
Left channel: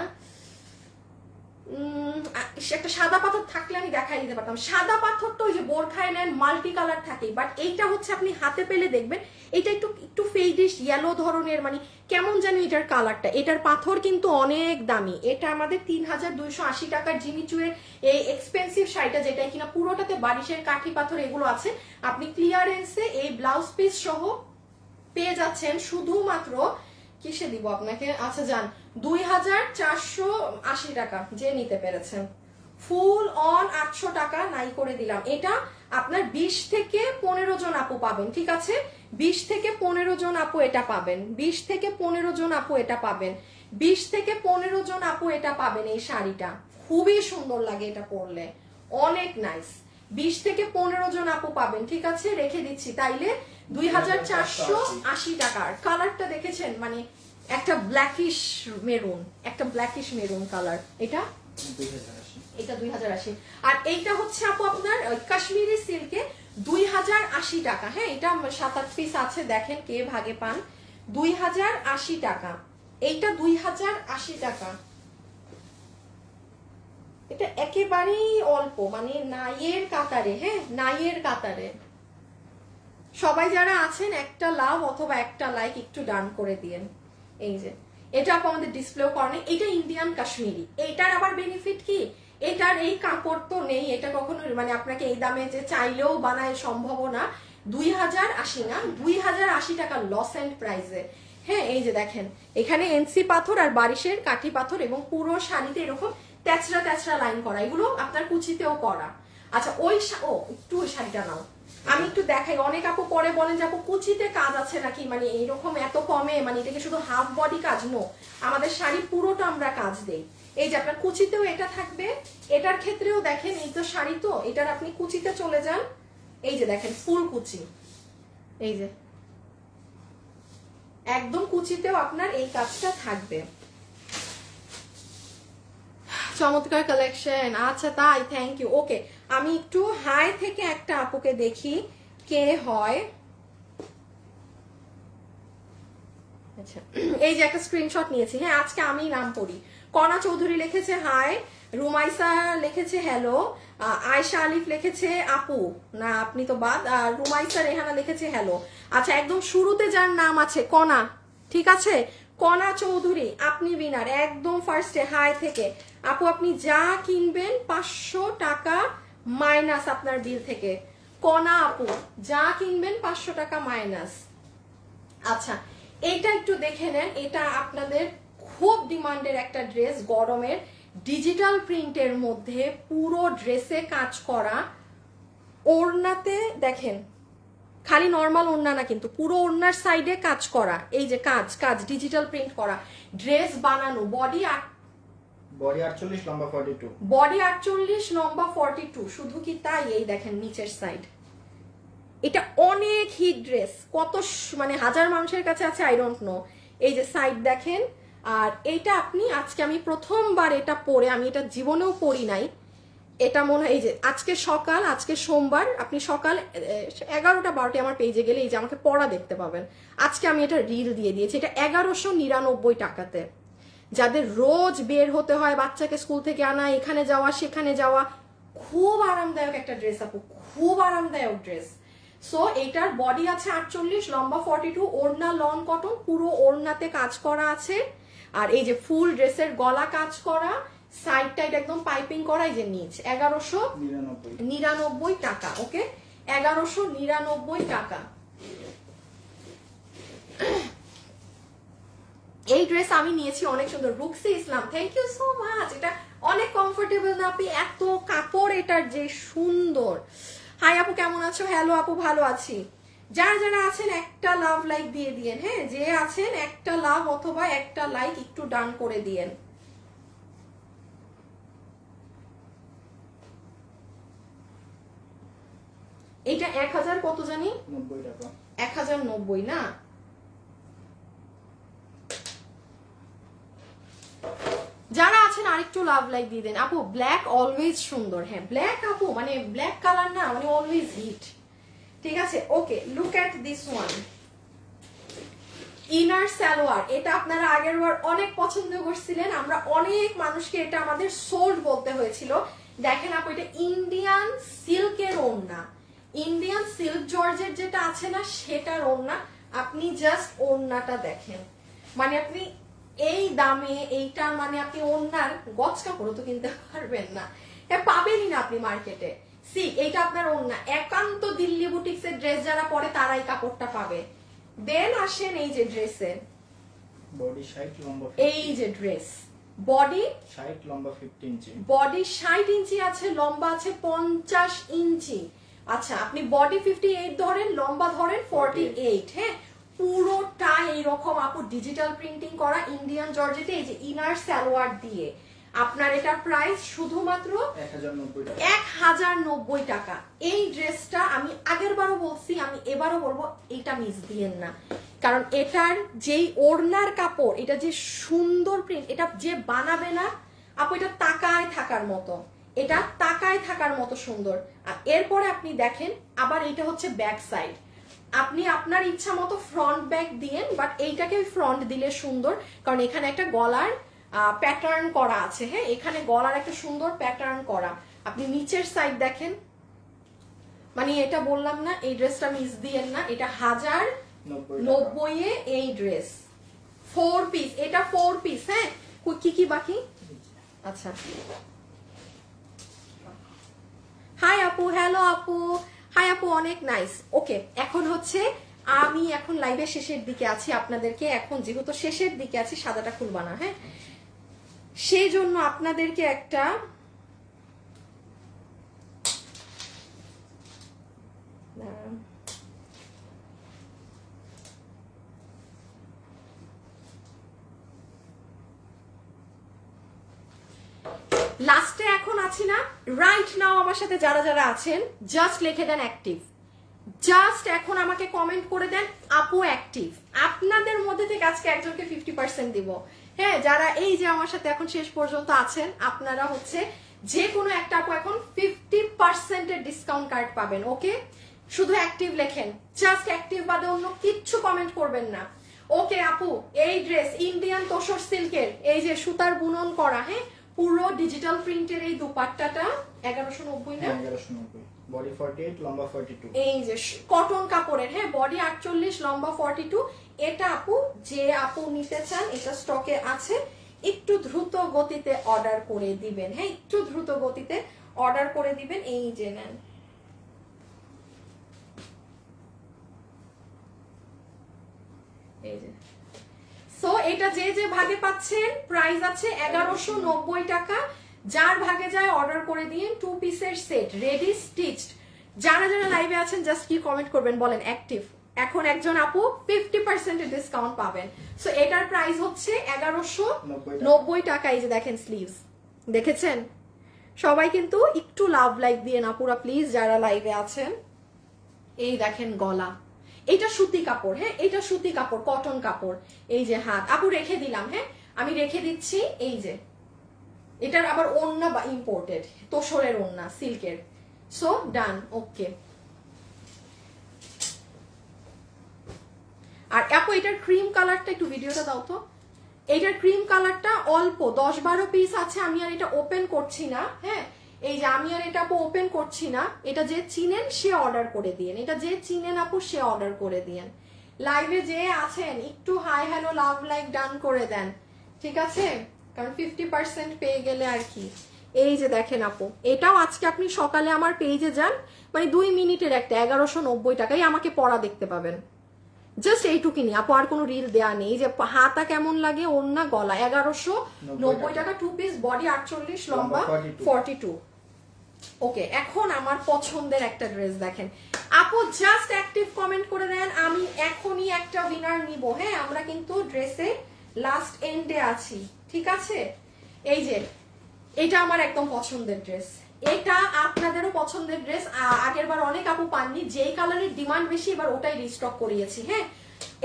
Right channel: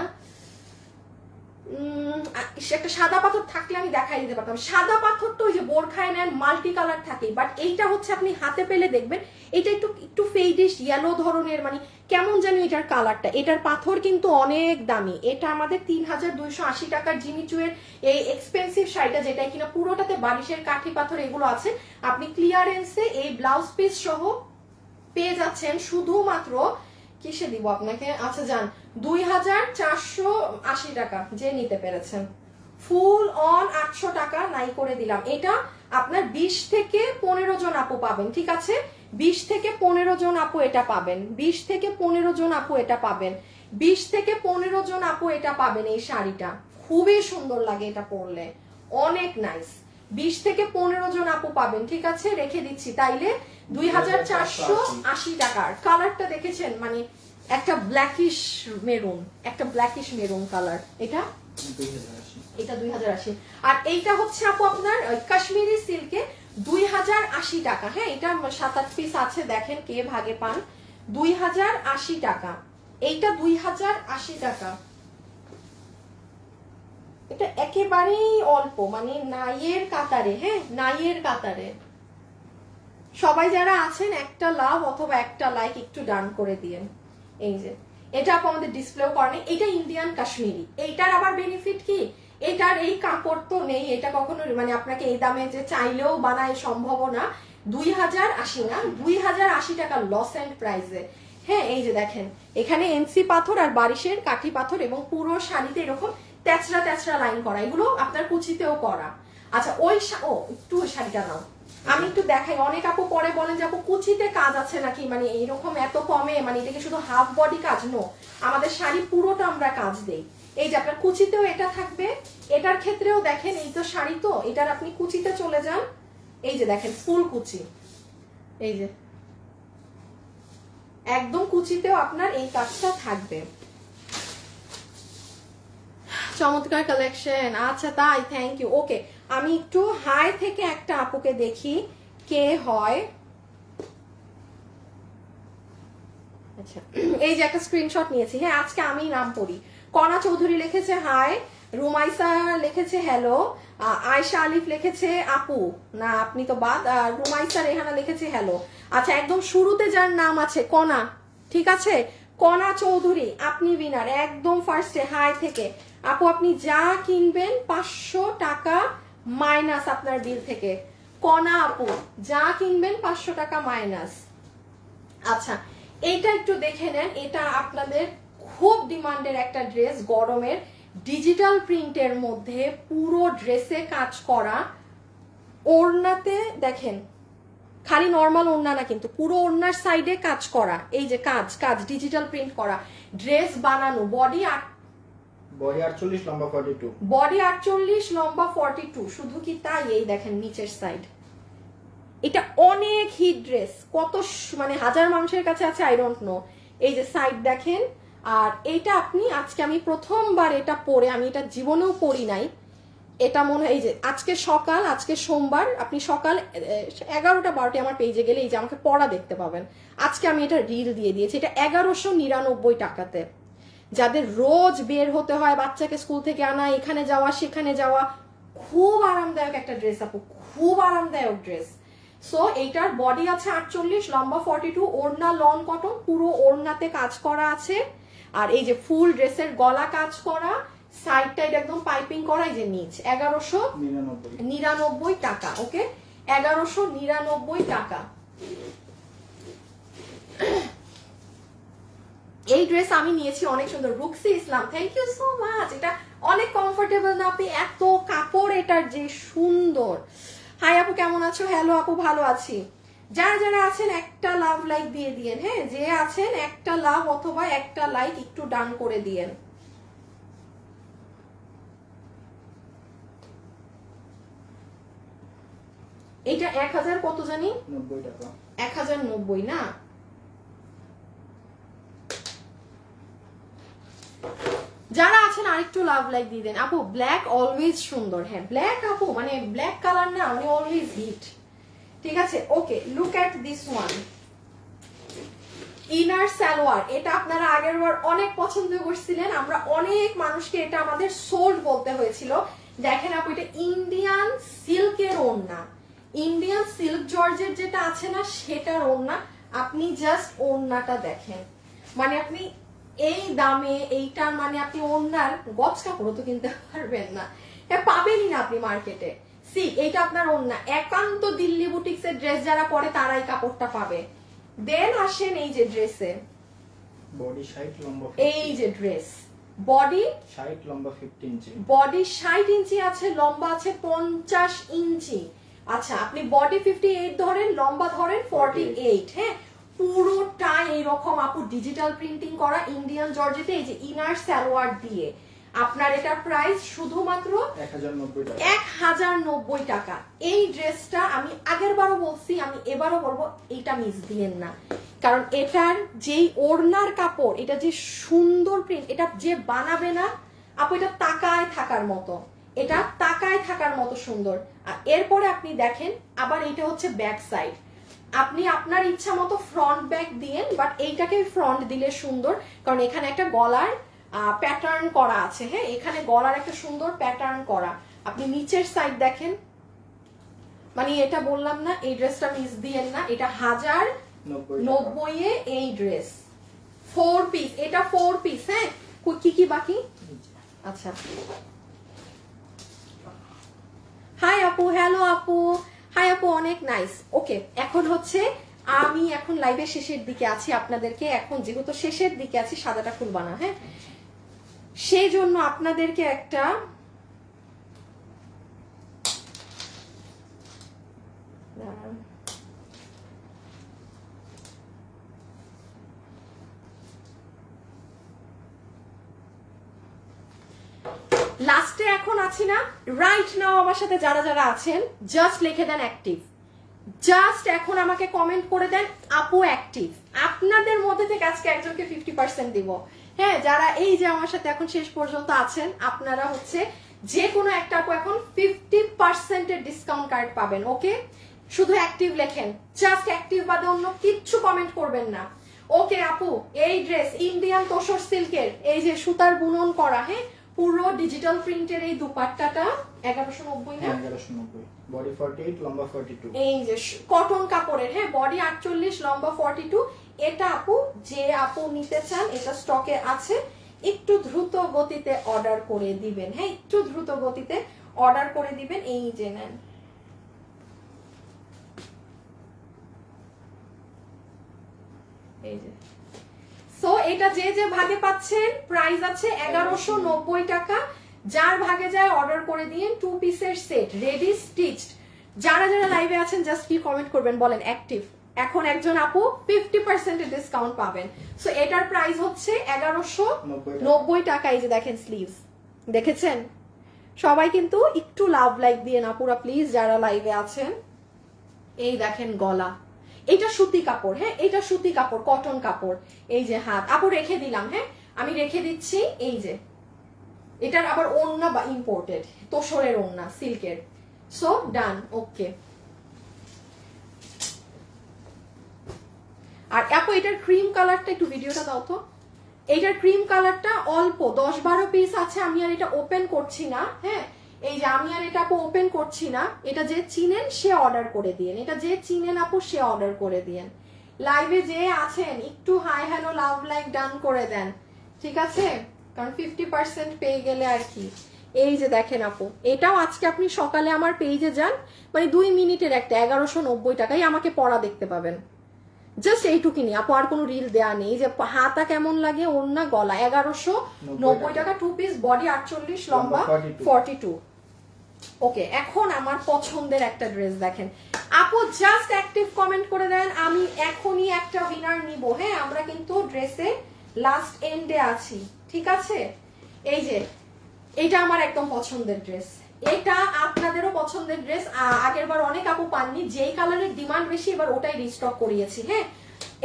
একটা সাদা পাথর থাকলে আমি দেখাই দিতে পারতাম। সাদা পাথর তো ওই যে বোরখায় নেন মাল্টি কালার থাকে, বাট এইটা হচ্ছে আপনি হাতে পেলে দেখবেন এটা একটু একটু ফেডিশ ইয়েলো ধরনের, মানে কেমন জানি এটার কালারটা। এটার পাথর কিন্তু অনেক দামি, এটা আমাদের 3280 টাকার জিমিচুয়ের এই এক্সপেন্সিভ শাড়িটা, যেটা কিনা পুরোটাতে বারিশের কাঠি পাথর এগুলো আছে, আপনি ক্লিয়ারেন্সে এই ব্লাউজ পিস সহ পেয়ে যাচ্ছেন শুধুমাত্র, কিসে দিব আপনাকে, আচ্ছা যান 2480 টাকা, যে নিতে পেরেছেন ফুল অন 800 টাকা নাই করে দিলাম। এটা আপনার 20 থেকে 15 জন আপু পাবেন, ঠিক আছে, 20 থেকে 15 জন আপু এটা পাবেন, 20 থেকে 15 জন আপু এটা পাবেন, 20 থেকে 15 জন আপু এটা পাবেন। এই শাড়িটা খুবই সুন্দর লাগে, এটা পরলে অনেক নাইস। 20 থেকে 15 জন আপু পাবেন, ঠিক আছে, রেখে দিচ্ছি তাইলে 2480 টাকার। কালারটা দেখেছেন, মানে একটা ব্ল্যাকিশ মেরুন, একটা ব্ল্যাকিশ মেরুন কালার, এটা 2080। আর এইটা হচ্ছে আপু আপনার কাশ্মীরি সিল্কে 2080 টাকা। হ্যাঁ, এটা 7-8 পিস আছে, দেখেন কে ভাগে পান। 2080 টাকা, এইটা 2080 টাকা। এটা একেবারেই অল্প, মানে নাইয়ের কাতারে, হ্যাঁ নাইয়ের কাতারে। সবাই যারা আছেন একটা লাভ অথবা একটা লাইক একটু ডান করে দিয়েন। এই যে এটা আপু আমাদের ডিসপ্লেও করেন, এটা ইন্ডিয়ান কাশ্মীরি। এইটার আবার বেনিফিট কি, এটার এই কাপড় তো নেই, এটা কখনো মানে আপনাকে এই দামে যে চাইলেও বানায় সম্ভব না। 2080 না, 2080 টাকা লস এন্ড প্রাইসে। হ্যাঁ, এই যে দেখেন এখানে এনসি পাথর আর বারিশের কাঠি পাথর, এবং পুরো শাড়িতে এরকম তেচরা তেচরা লাইন করা, এগুলো আপনার কুচিতেও করা। আচ্ছা ওই একটু ওই শাড়িটা নাও, আমি একটু দেখাই। অনেক আপু পরে বলেন যে আপু কুচিতে কাজ আছে নাকি, মানে এইরকম এত কমে, মানে এটাকে শুধু হাফ বডি কাজ? নো, আমাদের শাড়ি পুরোটা আমরা কাজ দেই। এই যে আপনার কুচিতেও এটা থাকবে, এটার ক্ষেত্রেও দেখেন, এই তো শাড়ি তো, এটার আপনি কুচিতে চলে যান, এই যে দেখেন ফুল কুচি, এই যে একদম কুচিতেও আপনার এই কাজটা থাকবে। চমৎকার কালেকশন, আচ্ছা তাই, থ্যাংক ইউ। ওকে, আমি একটু হাই থেকে একটা আপুকে দেখি কে হয়। আচ্ছা, এই যে একটা স্ক্রিনশট নিয়েছি। হ্যাঁ, আজকে আমি নাম পড়ি। কণা চৌধুরী লিখেছে হাই, রুমাইসা লিখেছে হ্যালো, আয়শা আলিফ লিখেছে আপু, না আপনি তো বাদ, আর রুমাইসা রেহানা লিখেছে হ্যালো। আচ্ছা, একদম শুরুতে যার নাম আছে কণা, ঠিক আছে, কণা চৌধুরী, আপনি উইনার একদম ফার্স্টে হাই থেকে। আপু আপনি যা কিনবেন 500 টাকা মাইনাস আপনার বিল থেকে। কণা আপু যা কিনবেন 500 টাকা মাইনাস। আচ্ছা, এইটা একটু দেখে নেন, এটা আপনাদের খুব ডিমান্ডের একটা ড্রেস, গরমের, ডিজিটাল প্রিন্টের মধ্যে পুরো ড্রেসে কাজ করা, ওড়নাতে দেখেন খালি নর্মাল ওড়না না, কিন্তু পুরো ওড়নার সাইডে কাজ করা, এই যে কাজ কাজ ডিজিটাল প্রিন্ট করা, ড্রেস বানানো, বডি 48 লম্বা 42, বডি 48 লম্বা 42। শুধু কি তাই, এই দেখেন নিচের সাইড, এটা অনেক হিট ড্রেস, কত মানে হাজার মানুষের কাছে আছে আই ডোন্ট নো। এই যে সাইড দেখেন, আর এইটা আপনি আজকে আমি প্রথমবার এটা পরে, আমি এটা জীবনেও পরি নাই, এটা মনে হয় এই যে আজকে সকাল, আজকে সোমবার, আপনি সকাল 11টা 12টা আমার পেজে গেলে এই যে আমাকে পড়া দেখতে পাবেন। আজকে আমি এটা রিল দিয়ে দিয়েছি, এটা 1199 টাকাতে। যাদের রোজ বের হতে হয়, বাচ্চাকে স্কুল থেকে আনা, এখানে যাওয়া সেখানে যাওয়া, খুব আরামদায়ক একটা ড্রেস আপু, খুব আরামদায়ক ড্রেস। সো এইটার বডি আছে 48, লম্বা 42, ওড়না লং কটন, পুরো ওড়নাতে কাজ করা আছে, আর এই যে ফুল ড্রেসের গলা কাজ করা, সাইড টাইড একদম পাইপিং করা, এই যে নিচ 1199 টাকা। ওকে, 1199 টাকা। এই ড্রেস আমি নিয়েছি, অনেক সুন্দর। রুকসি ইসলাম, থ্যাংক ইউ সো মাচ। এটা অনেক কমফোর্টেবল না আপনি, এত কাপড় এটার যে সুন্দর। হাই আপু কেমন আছো? হ্যালো আপু, ভালো আছি। যারা যারা আছেন একটা লাভ লাইক দিয়ে দিয়েন। হ্যাঁ, যে আছেন একটা লাভ অথবা একটা লাইক একটু ডান করে দিয়েন। এটা 1000 কত জানি, 90 টাকা, 1090 না, যারা আছেন আরেকটু লাভ লাইক দিয়ে দেন আপু। ব্ল্যাক অলওয়েজ সুন্দর, হ্যাঁ ব্ল্যাক আপু মানে ব্ল্যাক কালার না মানে অলওয়েজ হিট। ঠিক আছে, okay look at this one inner salwar. এটা আপনারা আগের বার অনেক পছন্দ করছিলেন, আমরা অনেক মানুষকে এটা আমাদের সোল্ড বলতে হয়েছিল। দেখেন আপু এটা ইন্ডিয়ান সিল্কের ওড়না, ইন্ডিয়ান সিল্ক জর্জের যেটা আছে না সেটার ওড়না। আপনি জাস্ট ওড়নাটা দেখেন, মানে আপনি এই দামে এইটা মানে আপনি ওড়নার গছ কাপড় তো কিনতে পারবেন না, এটা পাবেনই না আপনি মার্কেটে। সি এইটা আপনার ওড়না, একান্ত দিল্লি বুটিক্স এর ড্রেস যারা পরে তারাই কাপড়টা পাবে। দেন আসেন এই যে ড্রেসে বডি 60 লম্বা, এই যে ড্রেস বডি 60 লম্বা 50 ইঞ্চি, বডি 60 ইঞ্চি আছে, লম্বা আছে 50 ইঞ্চি। আচ্ছা আপনি বডি 58 ধরেন, লম্বা ধরেন 48। হ্যাঁ পুরোটা এইরকম আপু ডিজিটাল প্রিন্টিং করা ইন্ডিয়ান জর্জেটে, এই যে ইনার সালোয়ার দিয়ে। আপনার এটা প্রাইস শুধুমাত্র 1090 টাকা। এই ড্রেসটা আমি আগের বারও বলছি, আমি এবারও বলবো এটা মিস দিয়েন না, কারণ এটার যেই ওড়নার কাপড়, এটা যে সুন্দর প্রিন্ট, এটা যে বানাবে না আপু এটা তাকায় থাকার মতো, এটা তাকায় থাকার মতো সুন্দর। আর এরপরে আপনি দেখেন আবার এটা হচ্ছে ব্যাক সাইড, আপনি আপনার ইচ্ছা মতো ফ্রন্ট ব্যাক দিয়েন, বাট এইটাকে ফ্রন্ট দিলে সুন্দর, কারণ এখানে একটা গলার প্যাটার্ন করা আছে। হ্যাঁ এখানে গলার একটা সুন্দর প্যাটার্ন করা। আপনি নিচের সাইড দেখেন, মানে এটা বললাম না এই ড্রেসটা মিস দিয়েন না, এটা 1090 এ এই ড্রেস 4 পিস, এটা 4 পিস। হ্যাঁ কি কি বাকি? আচ্ছা হাই আপু, হ্যালো আপু, হাই আপু, অনেক নাইস। ওকে এখন হচ্ছে আমি এখন লাইভের শেষের দিকে আছি, আপনাদেরকে এখন যেহেতু শেষের দিকে আছি সাদাটা খুলবা না, হ্যাঁ সেই জন্য আপনাদেরকে একটা লাস্টে এখন আছি না, রাইট নাও আমার সাথে যারা যারা আছেন জাস্ট লিখে দেন অ্যাক্টিভ, জাস্ট এখন আমাকে কমেন্ট করে দেন আপু অ্যাক্টিভ। আপনাদের মধ্যে থেকে আজকে একজনকে 50% দিব। হ্যাঁ যারা এই যে আমার সাথে এখন শেষ পর্যন্ত আছেন আপনারা হচ্ছে যে কোনো একটা আপু এখন 50% এর ডিসকাউন্ট কার্ড পাবেন। ওকে শুধু অ্যাক্টিভ লেখেন, জাস্ট অ্যাক্টিভ বাদে অন্য কিচ্ছু কমেন্ট করবেন না। ওকে আপু এই ড্রেস ইন্ডিয়ান তোসর সিল্কের, এই যে সুতার বুনন করা, হ্যাঁ পুরো ডিজিটাল প্রিন্টের এই দুপাট্টাটা 1190 না, 1190 বডি 48 লম্বা 42, এই যে কটন কাপড়ের। হ্যাঁ বডি 48 লম্বা 42। এটা আপু যে আপু নিতে চান এটা স্টকে আছে, একটু দ্রুত গতিতে অর্ডার করে দিবেন। হ্যাঁ একটু দ্রুত গতিতে অর্ডার করে দিবেন। এই যে নেন এই যে, সো এটা যে যে ভাগে পাচ্ছেন প্রাইস আছে 1190 টাকা। যার ভাগে যায় অর্ডার করে দিন 2 পিসের সেট রেডি স্টিচড। যারা যারা লাইভে আছেন জাস্ট কি কমেন্ট করবেন বলেন অ্যাক্টিভ। এখন একজন আপু 50% এর ডিসকাউন্ট পাবেন। সো এটার প্রাইস হচ্ছে 1190 টাকা। এই যে দেখেন স্লিভস, দেখেছেন সবাই কিন্তু একটু লাভ লাইক দিয়ে না পুরা প্লিজ যারা লাইভে আছেন। এই দেখেন গলা, এটা সুতি কাপড়, হ্যাঁ এটা সুতি কাপড় কটন কাপড়। এই যে হাত আপু রেখে দিলাম, হ্যাঁ আমি রেখে দিচ্ছি। এই যে এটার আবার ওড়না বা ইম্পোর্টেড তোসরের ওড়না সিল্কের। সো ডান ওকে। আর আপু এটার ক্রিম কালারটা একটু ভিডিওটা দাও তো। এইটার ক্রিম কালারটা অল্প 10-12 পিস আছে, আমি আর এটা ওপেন করছি না। হ্যাঁ এই যে আমি আর এটা আপু ওপেন করছি না, এটা যে চিনেন সে অর্ডার করে দিয়েন, এটা যে চিনেন আপু সে অর্ডার করে দিয়েন। লাইভে যে আছেন একটু হাই হ্যালো লাভ লাইক ডান করে দেন, ঠিক আছে, কারণ 50% পেয়ে গেলে আর কি। এই যে দেখেন আপু এটাও আজকে আপনি সকালে আমার পেজে যান, মানে 2 মিনিটের একটা 1190 টাকায় আমাকে পরা দেখতে পাবেন। জাস্ট এইটুকুনি আপু, আর কোনো রিল দেয়া নেই। যে হাতা কেমন লাগে, ওড়না গলা 1190 টাকা 2 পিস, বডি 48 লম্বা 42। ওকে এখন আমার পছন্দের একটা ড্রেস দেখেন আপু, জাস্ট অ্যাক্টিভ কমেন্ট করে দেন, আমি এখনই একটা উইনার নিব। হ্যাঁ আমরা কিন্তু ড্রেসে লাস্ট এন্ডে আছি, ঠিক আছে। এই যে এটা আমার একদম পছন্দের ড্রেস, এটা আপনাদেরও পছন্দের ড্রেস। আগের বার অনেক আপু পাননি, যেই কালারের ডিমান্ড বেশি এবার ওটাই রিস্টক করিয়েছি। হ্যাঁ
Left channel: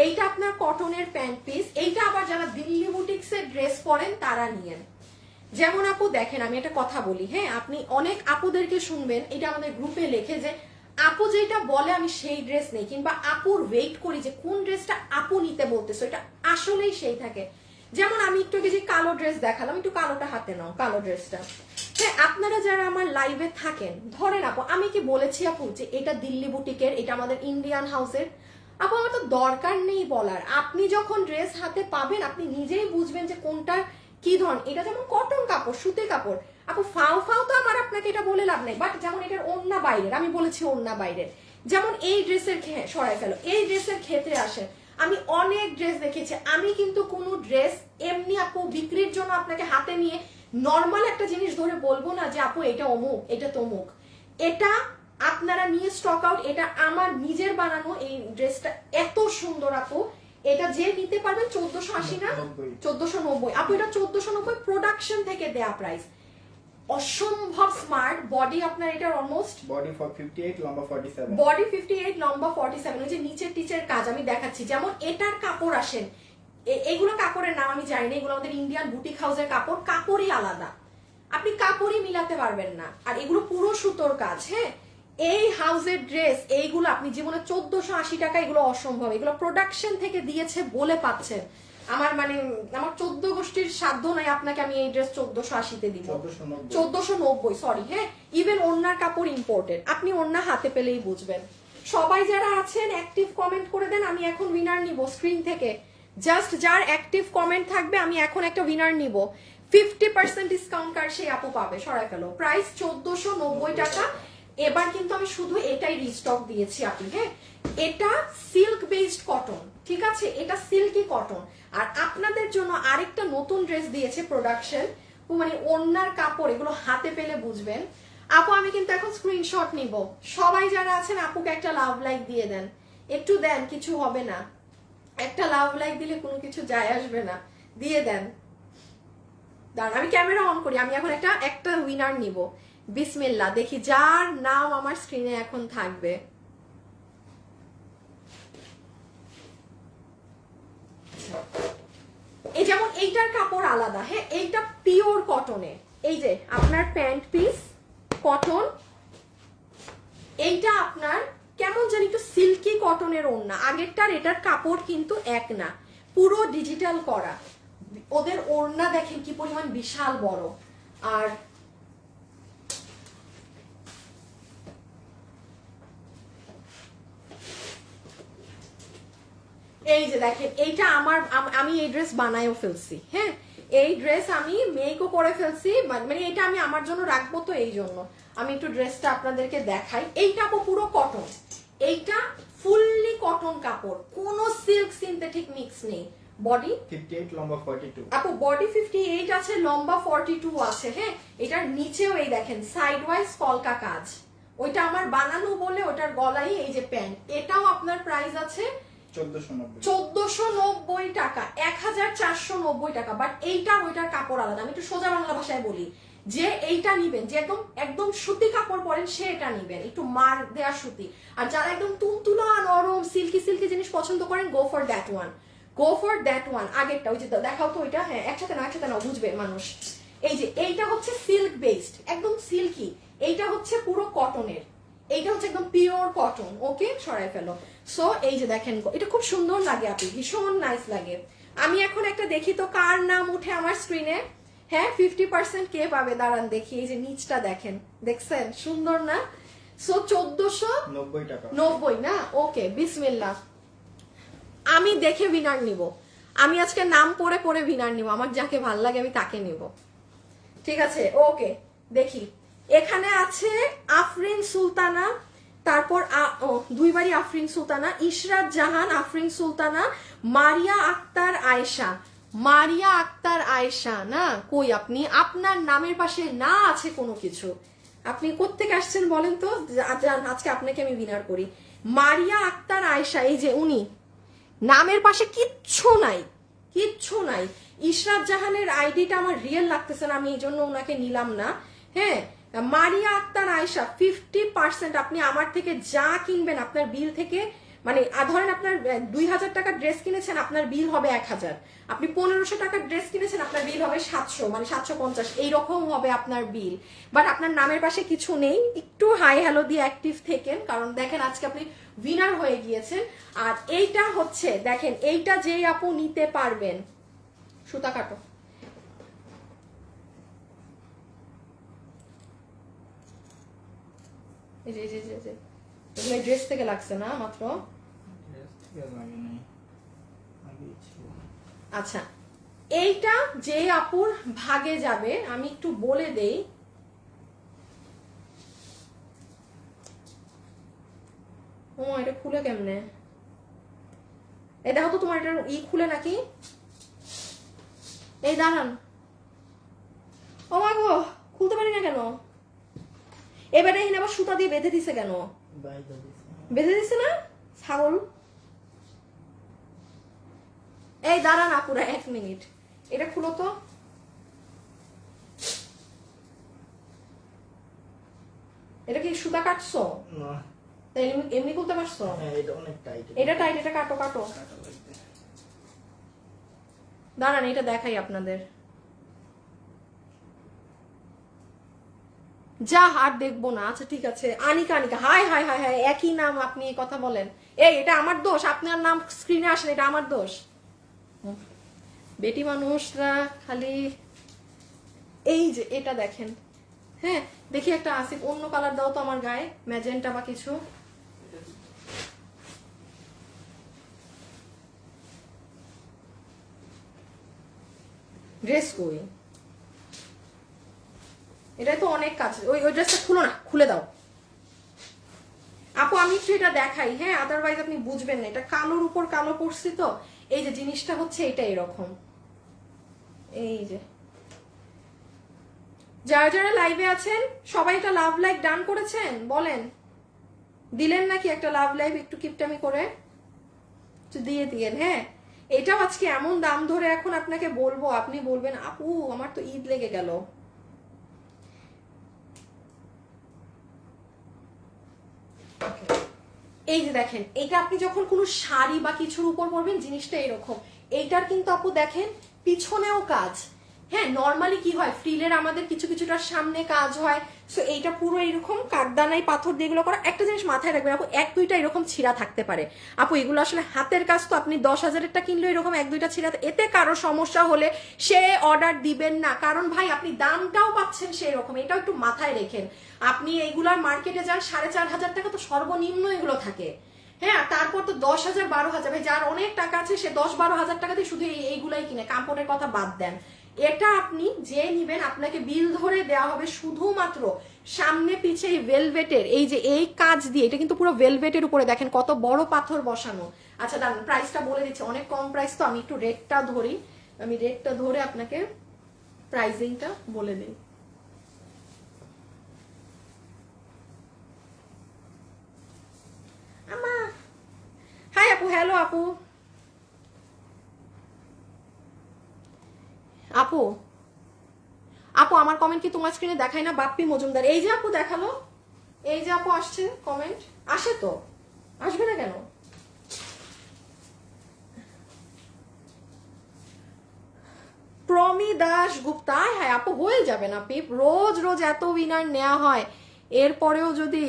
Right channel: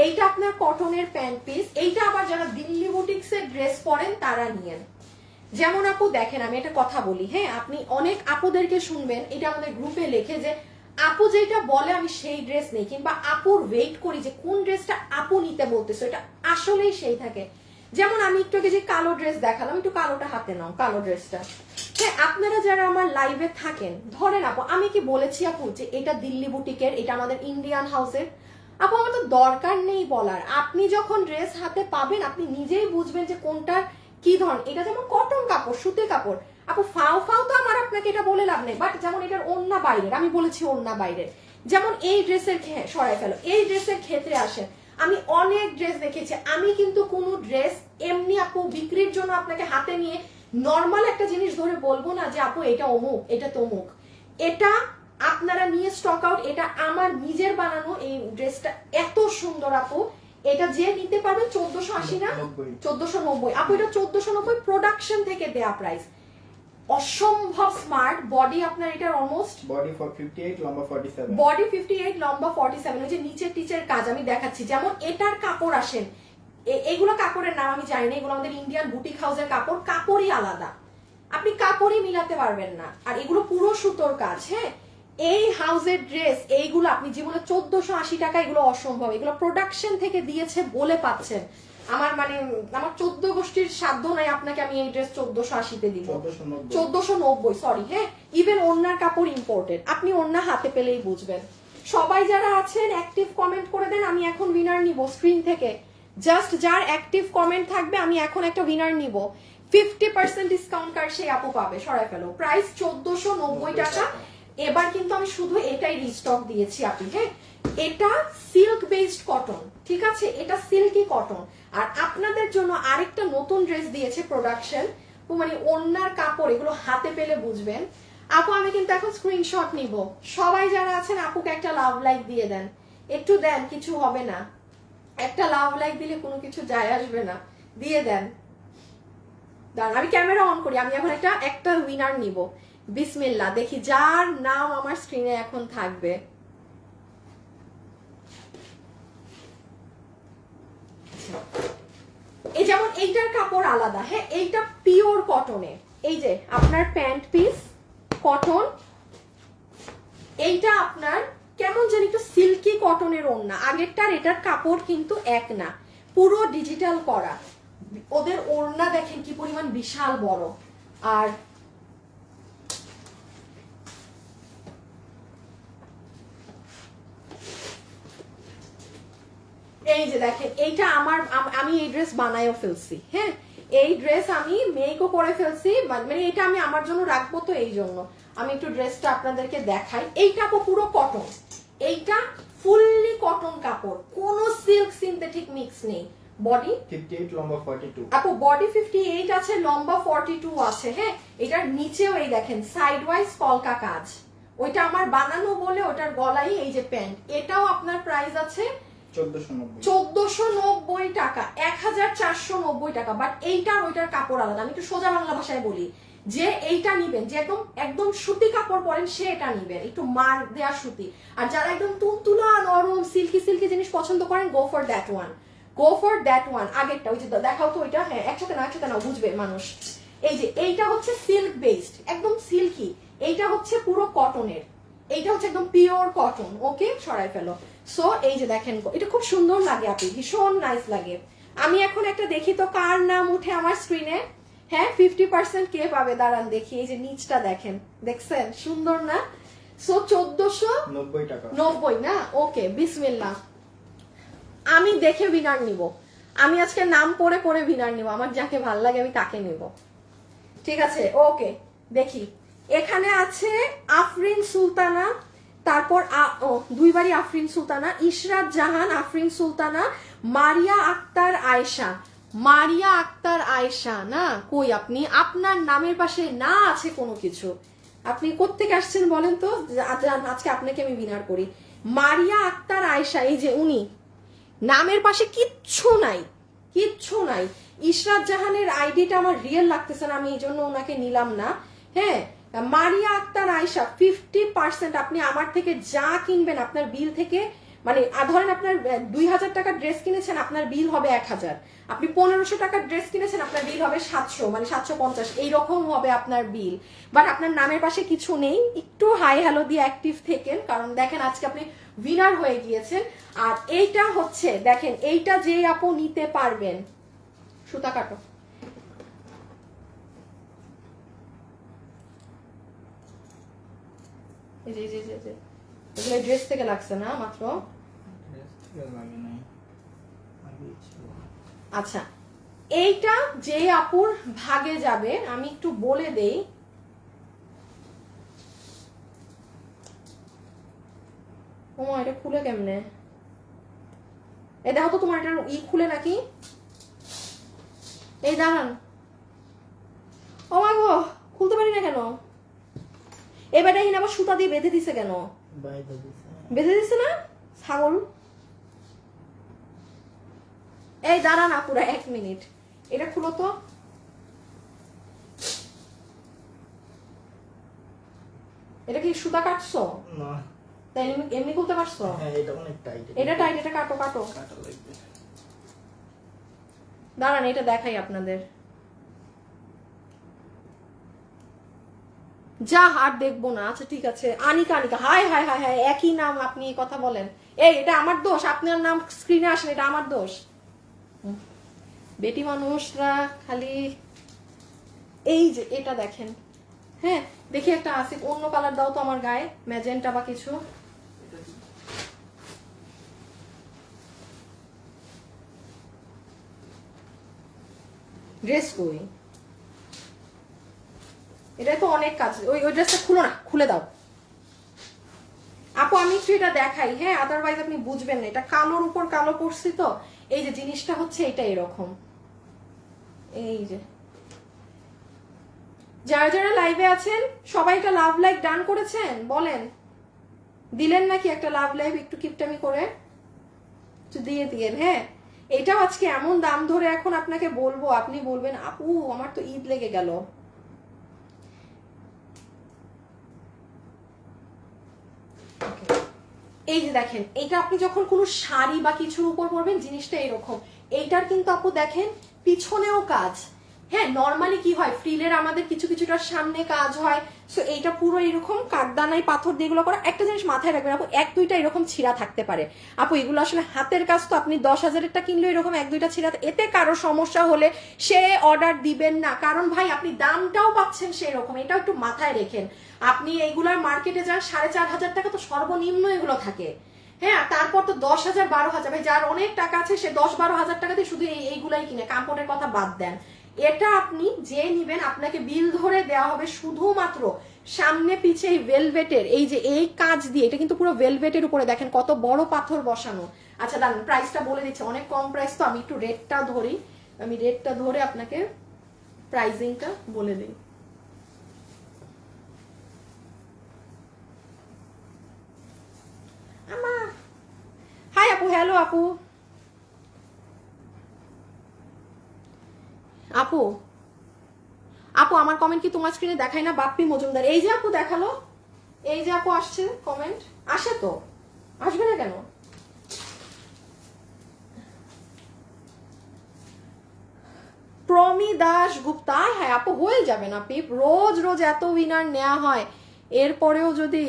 এইটা আপনার কটনের প্যান্ট পিস, এইটা আবার যারা দিল্লি বুটিক্স এর ড্রেস পরেন তারা নিয়েন। যেমন আপু দেখেন, আমি একটা কথা বলি, হ্যাঁ, আপনি অনেক আপুদেরকে শুনবেন, এটা আমাদের গ্রুপে লেখে যে আপু যেটা বলে আমি সেই ড্রেস নেই, কিংবা আপুর ওয়েট করি যে কোন ড্রেসটা আপু নিতে বলতেছো, এটা আসলেই সেই থাকে। যেমন আমি একটু যে কালো ড্রেস দেখালাম, একটু কালোটা হাতে নাও, কালো ড্রেসটা। হ্যাঁ, আপনারা যারা আমার লাইভে থাকেন, ধরেন আপু আমি কি বলেছি আপু যে এটা দিল্লি বুটিকের, এটা আমাদের ইন্ডিয়ান হাউসের? আপু আমার তো দরকার নেই বলার, আপনি যখন ড্রেস হাতে পাবেন আপনি নিজেই বুঝবেন যে কোনটার কি ধরন। এটা যেমন কটন কাপড়, সুতি কাপড়, আপু ফাও ফাও তো আমার আপনাকে এটা বলে লাভ নেই, বাট যেমন এটার ওড়না বাইরের, আমি বলেছি ওড়না বাইরে। যেমন এই ড্রেসের সরাই ফেলো, এই ড্রেসের ক্ষেত্রে আসে, আমি অনেক ড্রেস দেখেছি, আমি কিন্তু কোনো ড্রেস এমনি আপু বিক্রির জন্য আপনাকে হাতে নিয়ে নর্মাল একটা জিনিস ধরে বলবো না যে আপু এটা অমুক, এটা তমুক। এটা আপনারা নিয়ে স্টক আউট, এটা আমার নিজের বানানো এই ড্রেসটা এত সুন্দর আপু, এটা যে নিতে পারবেন 1480 না 1490 আপু, এটা 1490 প্রোডাকশন থেকে দেয়া প্রাইস, অসম্ভব স্মার্ট বডি আপনার, এটার অলমোস্ট বডি 58 লম্বা 47, বডি 58 লম্বা 47, ওই যে নিচের টিচের কাজ আমি দেখাচ্ছি। যেমন এটার কাপড় আসেন, এগুলো কাপড়ের নাম আমি জানি না, এগুলো আমাদের ইন্ডিয়ান বুটিক হাউসের কাপড়, কাপড়ই আলাদা, আপনি কাপড়ই মিলাতে পারবেন না, আর এগুলো পুরো সুতোর কাজ। হ্যাঁ, এই হাউসের ড্রেস এইগুলো আপনি জীবনে 1480 টাকা, এগুলো অসম্ভব, এগুলো প্রোডাকশন থেকে দিয়েছে বলে পাচ্ছেন। আমার মানে আমার 14 গোষ্ঠীর সাধ্য নাই আপনাকে আমি এই ড্রেস 1480-তে দিব, 1490 সরি। হ্যাঁ, ইভেন ওড়নার কাপড় ইম্পোর্টেড, আপনি ওড়না হাতে পেলেই বুঝবেন। সবাই যারা আছেন অ্যাক্টিভ কমেন্ট করে দেন, আমি এখন উইনার নিব স্ক্রিন থেকে, জাস্ট যার অ্যাক্টিভ কমেন্ট থাকবে আমি এখন একটা উইনার নিব, 50% ডিসকাউন্ট কার সেই আপু পাবে, সরাই ফেলো। প্রাইস 1490 টাকা। এবার কিন্তু আমি শুধু এটাই রিস্টক দিয়েছি আপনি। হ্যাঁ, এটা সিল্ক বেসড কটন, ঠিক আছে, এটা সিল্কি কটন। আর আপনাদের জন্য আরেকটা নতুন ড্রেস দিয়েছে প্রোডাকশন, মানে ওড়নার কাপড়, এগুলো হাতে পেলে বুঝবেন। আপু আমি কিন্তু এখন স্ক্রিনশট নিব, সবাই যারা আছেন আপুকে একটা লাভ লাইক দিয়ে দেন, একটু দেন, কিছু হবে না, একটা লাভ লাইক দিলে কোনো কিছু যায় আসবে না, দিয়ে দেন। দাঁড়ান আমি ক্যামেরা অন করি, আমি এখন একটা উইনার নিব। বিসমিল্লাহ, দেখি যার নাম আমার স্ক্রিনে এখন থাকবে। এই যেমন এইটার কাপড় আলাদা, হ্যাঁ, এইটা পিওর কটনের, এই যে আপনার প্যান্ট পিস কটন, এইটা আপনার কেমন জানি একটু সিল্কি কটনের ওড়না, আগেরটার এটার কাপড় কিন্তু এক না, পুরো ডিজিটাল করা। ওদের ওড়না দেখেন কি পরিমাণ বিশাল বড়। আর এই যে দেখেন, এইটা আমি এই ড্রেস বানায়ও ফেলছি। হ্যাঁ, এই ড্রেস আমি মেকও করে ফেলছি, মানে এটা আমি আমার জন্য রাখবো, তো এই জন্য আমি একটু ড্রেসটা আপনাদেরকে দেখাই। এইটা পুরো কটন, এইটা ফুললি কটন কাপড়, কোনো সিল্ক সিনথেটিক মিক্স নেই। বডি 58 লম্বা 42 আপু, বডি 58 আছে, লম্বা 42 আছে। হ্যাঁ, এটার নিচেও এই দেখেন সাইড ওয়াইজ কলকা কাজ, ওইটা আমার বানানো বলে ওটার গলায় এই যে প্যান্ট, এটাও আপনার প্রাইস আছে 1490 টাকা, 1490 টাকা। বাট এইটার ওইটার কাপড় আলাদা। আমি একটু সোজা বাংলা ভাষায় বলি, যে এইটা নিবেন, যে একদম একদম সুতি কাপড় পরেন সে এটা নিবেন, একটু মার দেয়া সুতি। আর যারা একদম তুলতুলা নরম সিল্কি সিল্কি জিনিস পছন্দ করেন, go for that one, go for that one. আগেরটা ওই যে দেখাও তো ওইটা, হ্যাঁ একসাথে নাও বুঝবে মানুষ। এই যে এইটা হচ্ছে সিল্ক বেসড, একদম সিল্কি, এইটা হচ্ছে পুরো কটনের, এইটা হচ্ছে একদম পিওর কটন। ওকে, সরাই ফেলো। সো এই যে দেখেন, এটা খুব সুন্দর লাগে আপনি, ভীষণ নাইস লাগে। আমি এখন একটা দেখি তো কার নাম উঠে আমার স্ক্রিনে। হ্যাঁ, 50% কে পাবে, দাঁড়ান দেখি। এই যে নিচটা দেখেন, দেখছেন সুন্দর না? সো 1490 টাকা, 90 না? ওকে, বিসমিল্লাহ। আমি দেখে উইনার নিব, আমি আজকে নাম পড়ে পড়ে উইনার নিব, আমার যাকে ভাল লাগে আমি তাকে নিব, ঠিক আছে? ওকে, দেখি এখানে আছে আফরিন সুলতানা, তারপর দুইবারই আফরিন সুলতানা, ইশরাত জাহান, আফরিন সুলতানা, মারিয়া আক্তার আয়েশা। মারিয়া আক্তার আয়েশা না? কই আপনি, আপনার নামের পাশে না আছে কোনো কিছু, আপনি কোত্থেকে আসছেন বলেন তো, আজকে আপনাকে আমি উইনার করি। মারিয়া আক্তার আয়েশা, এই যে উনি, নামের পাশে কিচ্ছু নাই, কিচ্ছু নাই। ইশরাত জাহানের আইডিটা আমার রিয়েল লাগতেছে না, আমি এই জন্য ওনাকে নিলাম না। হ্যাঁ, মারিয়া আক্তার আয়েশা 50%। আপনি আমার থেকে যা কিনবেন আপনার বিল থেকে মানে ধরেন আপনার 2000 টাকার ড্রেস কিনেছেন, আপনার বিল হবে 1000। আপনি 1500 টাকার ড্রেস কিনেছেন, আপনার বিল হবে 700, মানে 750, এইরকম হবে আপনার বিল। বাট আপনার নামের পাশে কিছু নেই, একটু হাই হ্যালো দিয়ে অ্যাক্টিভ থেকেন, কারণ দেখেন আজকে আপনি উইনার হয়ে গিয়েছেন। আর এইটা হচ্ছে দেখেন, এইটা যে আপু নিতে পারবেন, সুতা কাটো, জি জি জি জি, এগুলো ড্রেস থেকে লাগছে না মাত্র। আচ্ছা, এইটা যে আপুর ভাগে যাবে আমি একটু বলে দেই। ও এটা খুলে কেমনে? এটা হতো তোমার এটা খুলে নাকি? এই দাঁড়ান, ও মা গো, খুলতে পারি না কেন? এবারে এখানে আবার সুতা দিয়ে বেঁধে দিছে কেন? বেঁধে দিছে না ছাগল? এই দাঁড়ান আপুরা 1 মিনিট, এটা খুলো তো। এটা কি সুতা কাটছো? না, এমনি খুলতে পারছো? এটা টাইট, এটা কাটো কাটো। দাঁড়ান এটা দেখাই আপনাদের। যা আর দেখবো না। আচ্ছা ঠিক আছে, Anika, Anika, high high high high, একই নাম, আপনি এই কথা বলেন। এই এটা আমার দোষ, আপনার নাম স্ক্রিনে আসেন, এটা আমার দোষ। বেটি মানুষরা খালি এই যে এটা দেখেন। হ্যাঁ দেখি একটা আছে, অন্য কালার দাও তো আমার গায়ে, ম্যাজেন্টা বা কিছু। ড্রেস কই? এটা তো অনেক কাজ। ওই ড্রেসটা খুলো না, খুলে দাও আপু, আমি একটু এটা দেখাই। হ্যাঁ, আদারওয়াইজ আপনি বুঝবেন না। এটা কালোর উপর কালো করছি তো, এই যে জিনিসটা হচ্ছে এটা এরকম। এই যে যারা যারা লাইভে আছেন সবাই একটা লাভ লাইক ডান করেছেন, বলেন দিলেন নাকি একটা লাভ লাইভ? একটু কিপটামি করে দিয়ে দিয়েন। হ্যাঁ, এটাও আজকে এমন দাম ধরে এখন আপনাকে বলবো, আপনি বলবেন আপু আমার তো ঈদ লেগে গেল। এই যে দেখেন, এটা আপনি যখন কোনো শাড়ি বা কিছুর উপর পরবেন জিনিসটা এরকম। এইটার কিন্তু আপু দেখেন পিছনেও কাজ। হ্যাঁ, নর্মালি কি হয়, ফ্রিলের আমাদের কিছু কিছুটা সামনে কাজ হয়, সো এইটা পুরো এরকম কাঠদানাই পাথর দিয়ে এগুলো করা। একটা জিনিস মাথায় রাখবেন আপু, 1-2টা এরকম ছিঁড়া থাকতে পারে আপু, এগুলো আসলে হাতের কাজ তো। আপনি 10,000-এরটা কিনলে এরকম 1-2টা ছিঁড়া, এতে কারো সমস্যা হলে সে অর্ডার দিবেন না, কারণ ভাই আপনি দামটাও পাচ্ছেন সেরকম, এটাও একটু মাথায় রেখেন। আপনি এগুলার মার্কেটে যান 4,500 টাকা তো সর্বনিম্ন এগুলো থাকে। হ্যাঁ, তারপর তো 10,000 12,000, ভাই যার অনেক টাকা আছে সে 10-12 হাজার টাকা দিয়ে শুধু এইগুলাই কিনে, কাপড়ের কথা বাদ দেন। এটা আপনি যে নিবেন আপনাকে বিল ধরে দেওয়া হবে শুধুমাত্র সামনে পিছে এই ভেলভেটের এই যে এই কাজ দিয়ে। এটা কিন্তু পুরো ভেলভেটের উপরে দেখেন কত বড় পাথর বসানো। আচ্ছা দাঁড়ান, প্রাইসটা বলে দিচ্ছি, অনেক কম প্রাইস তো, আমি একটু রেটটা ধরি, আমি রেটটা ধরে আপনাকে প্রাইসিংটা বলে দিই। হাই আপু, হ্যালো আপু। আপু আপু আমার কমেন্ট কি তোমার স্ক্রিনে দেখায় না? বাপ্পি মজুমদার, এই যে আপু দেখালো, এই যে আপু আসছে কমেন্ট, আসে তো, আসবে না কেন? প্রমি দাস গুপ্তা, হ্যাঁ আপু হয়ে যাবে না পিপ, রোজ রোজ এত উইনার নেওয়া হয়, এরপরেও যদি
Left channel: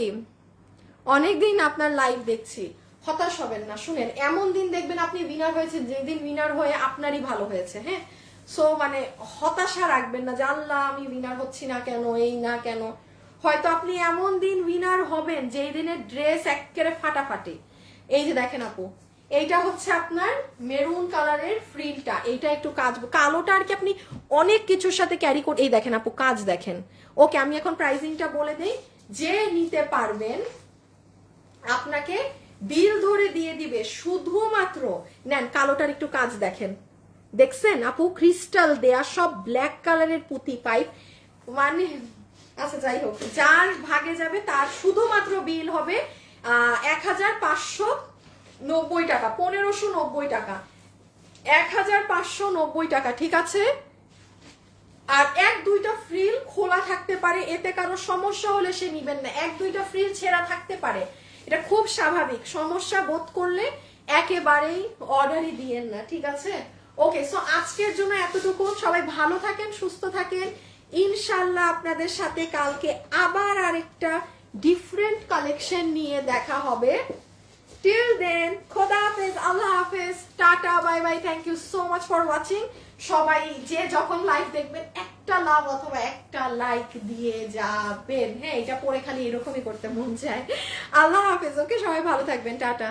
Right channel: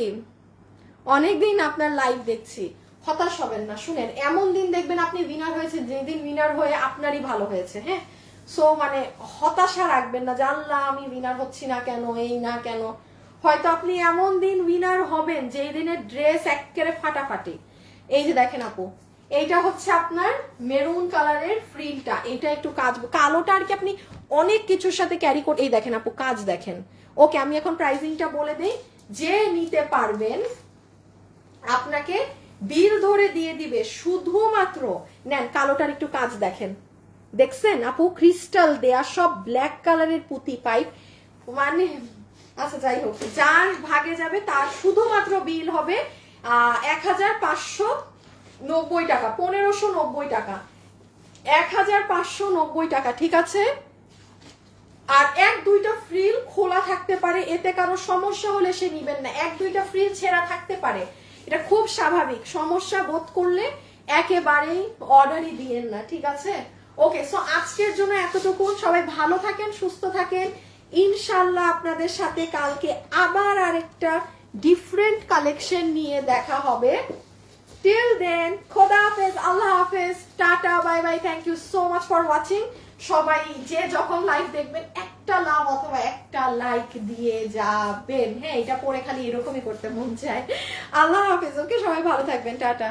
অনেকদিন আপনার লাইভ দেখছি, হতাশ হবেন না। শুনেন, এমন দিন দেখবেন আপনি উইনার হয়েছেন যেদিন উইনার হয়ে আপনারই ভালো হয়েছে। হ্যাঁ, সো মানে হতাশা রাখবেন না যে আল্লাহ আমি উইনার হচ্ছি না কেন, এই না কেন। হয়তো আপনি এমন দিন উইনার হবেন যেই দিনের ড্রেস একেবারে ফাটাফাটি। এই যে দেখেন আপু, এইটা হচ্ছে আপনার মেরুন কালারের ফ্রিলটা, এইটা একটু কাজ, কালোটা আর কি আপনি অনেক কিছুর সাথে ক্যারি করে। এই দেখেন আপু কাজ দেখেন। ওকে, আমি এখন প্রাইসিংটা বলে দিই, যে নিতে পারবেন আপনাকে বিল ধরে দিয়ে দিবে শুধুমাত্র, নেন কালোটার একটু কাজ দেখেন, দেখছেন আপু ক্রিস্টাল দেয়া, সব ব্ল্যাক কালারের পুঁতি পাইপ, মানে আচ্ছা যাই হোক, যার ভাগে যাবে তার শুধুমাত্র বিল হবে 1,590 টাকা, 1,590 টাকা, 1,590 টাকা, ঠিক আছে। আর 1-2টা ফ্রিল খোলা থাকতে পারে, এতে কারো সমস্যা হলে সে নিবেন না, 1-2টা ফ্রিল ছেঁড়া থাকতে পারে, এটা খুব স্বাভাবিক, সমস্যা বোধ করলে একেবারেই অর্ডারই দিয়েন না, ঠিক আছে? ওকে, সো আজকের জন্য এতটুকু। সবাই ভালো থাকেন, সুস্থ থাকেন। ইনশাল্লাহ আপনাদের সাথে কালকে আবার আরেকটা ডিফারেন্ট কালেকশন নিয়ে দেখা হবে। টিল দেন খোদা হাফেজ, আল্লাহ হাফেজ, tata, bye bye, thank you so much for watching. সবাই যে যখন লাইভ দেখবেন একটা লাভ অথবা একটা লাইক দিয়ে যাবেন। হ্যাঁ, এটা পরে খালি এরকমই করতে মন চায়। আল্লাহ হাফেজ। ওকে, সবাই ভালো থাকবেন, টাটা।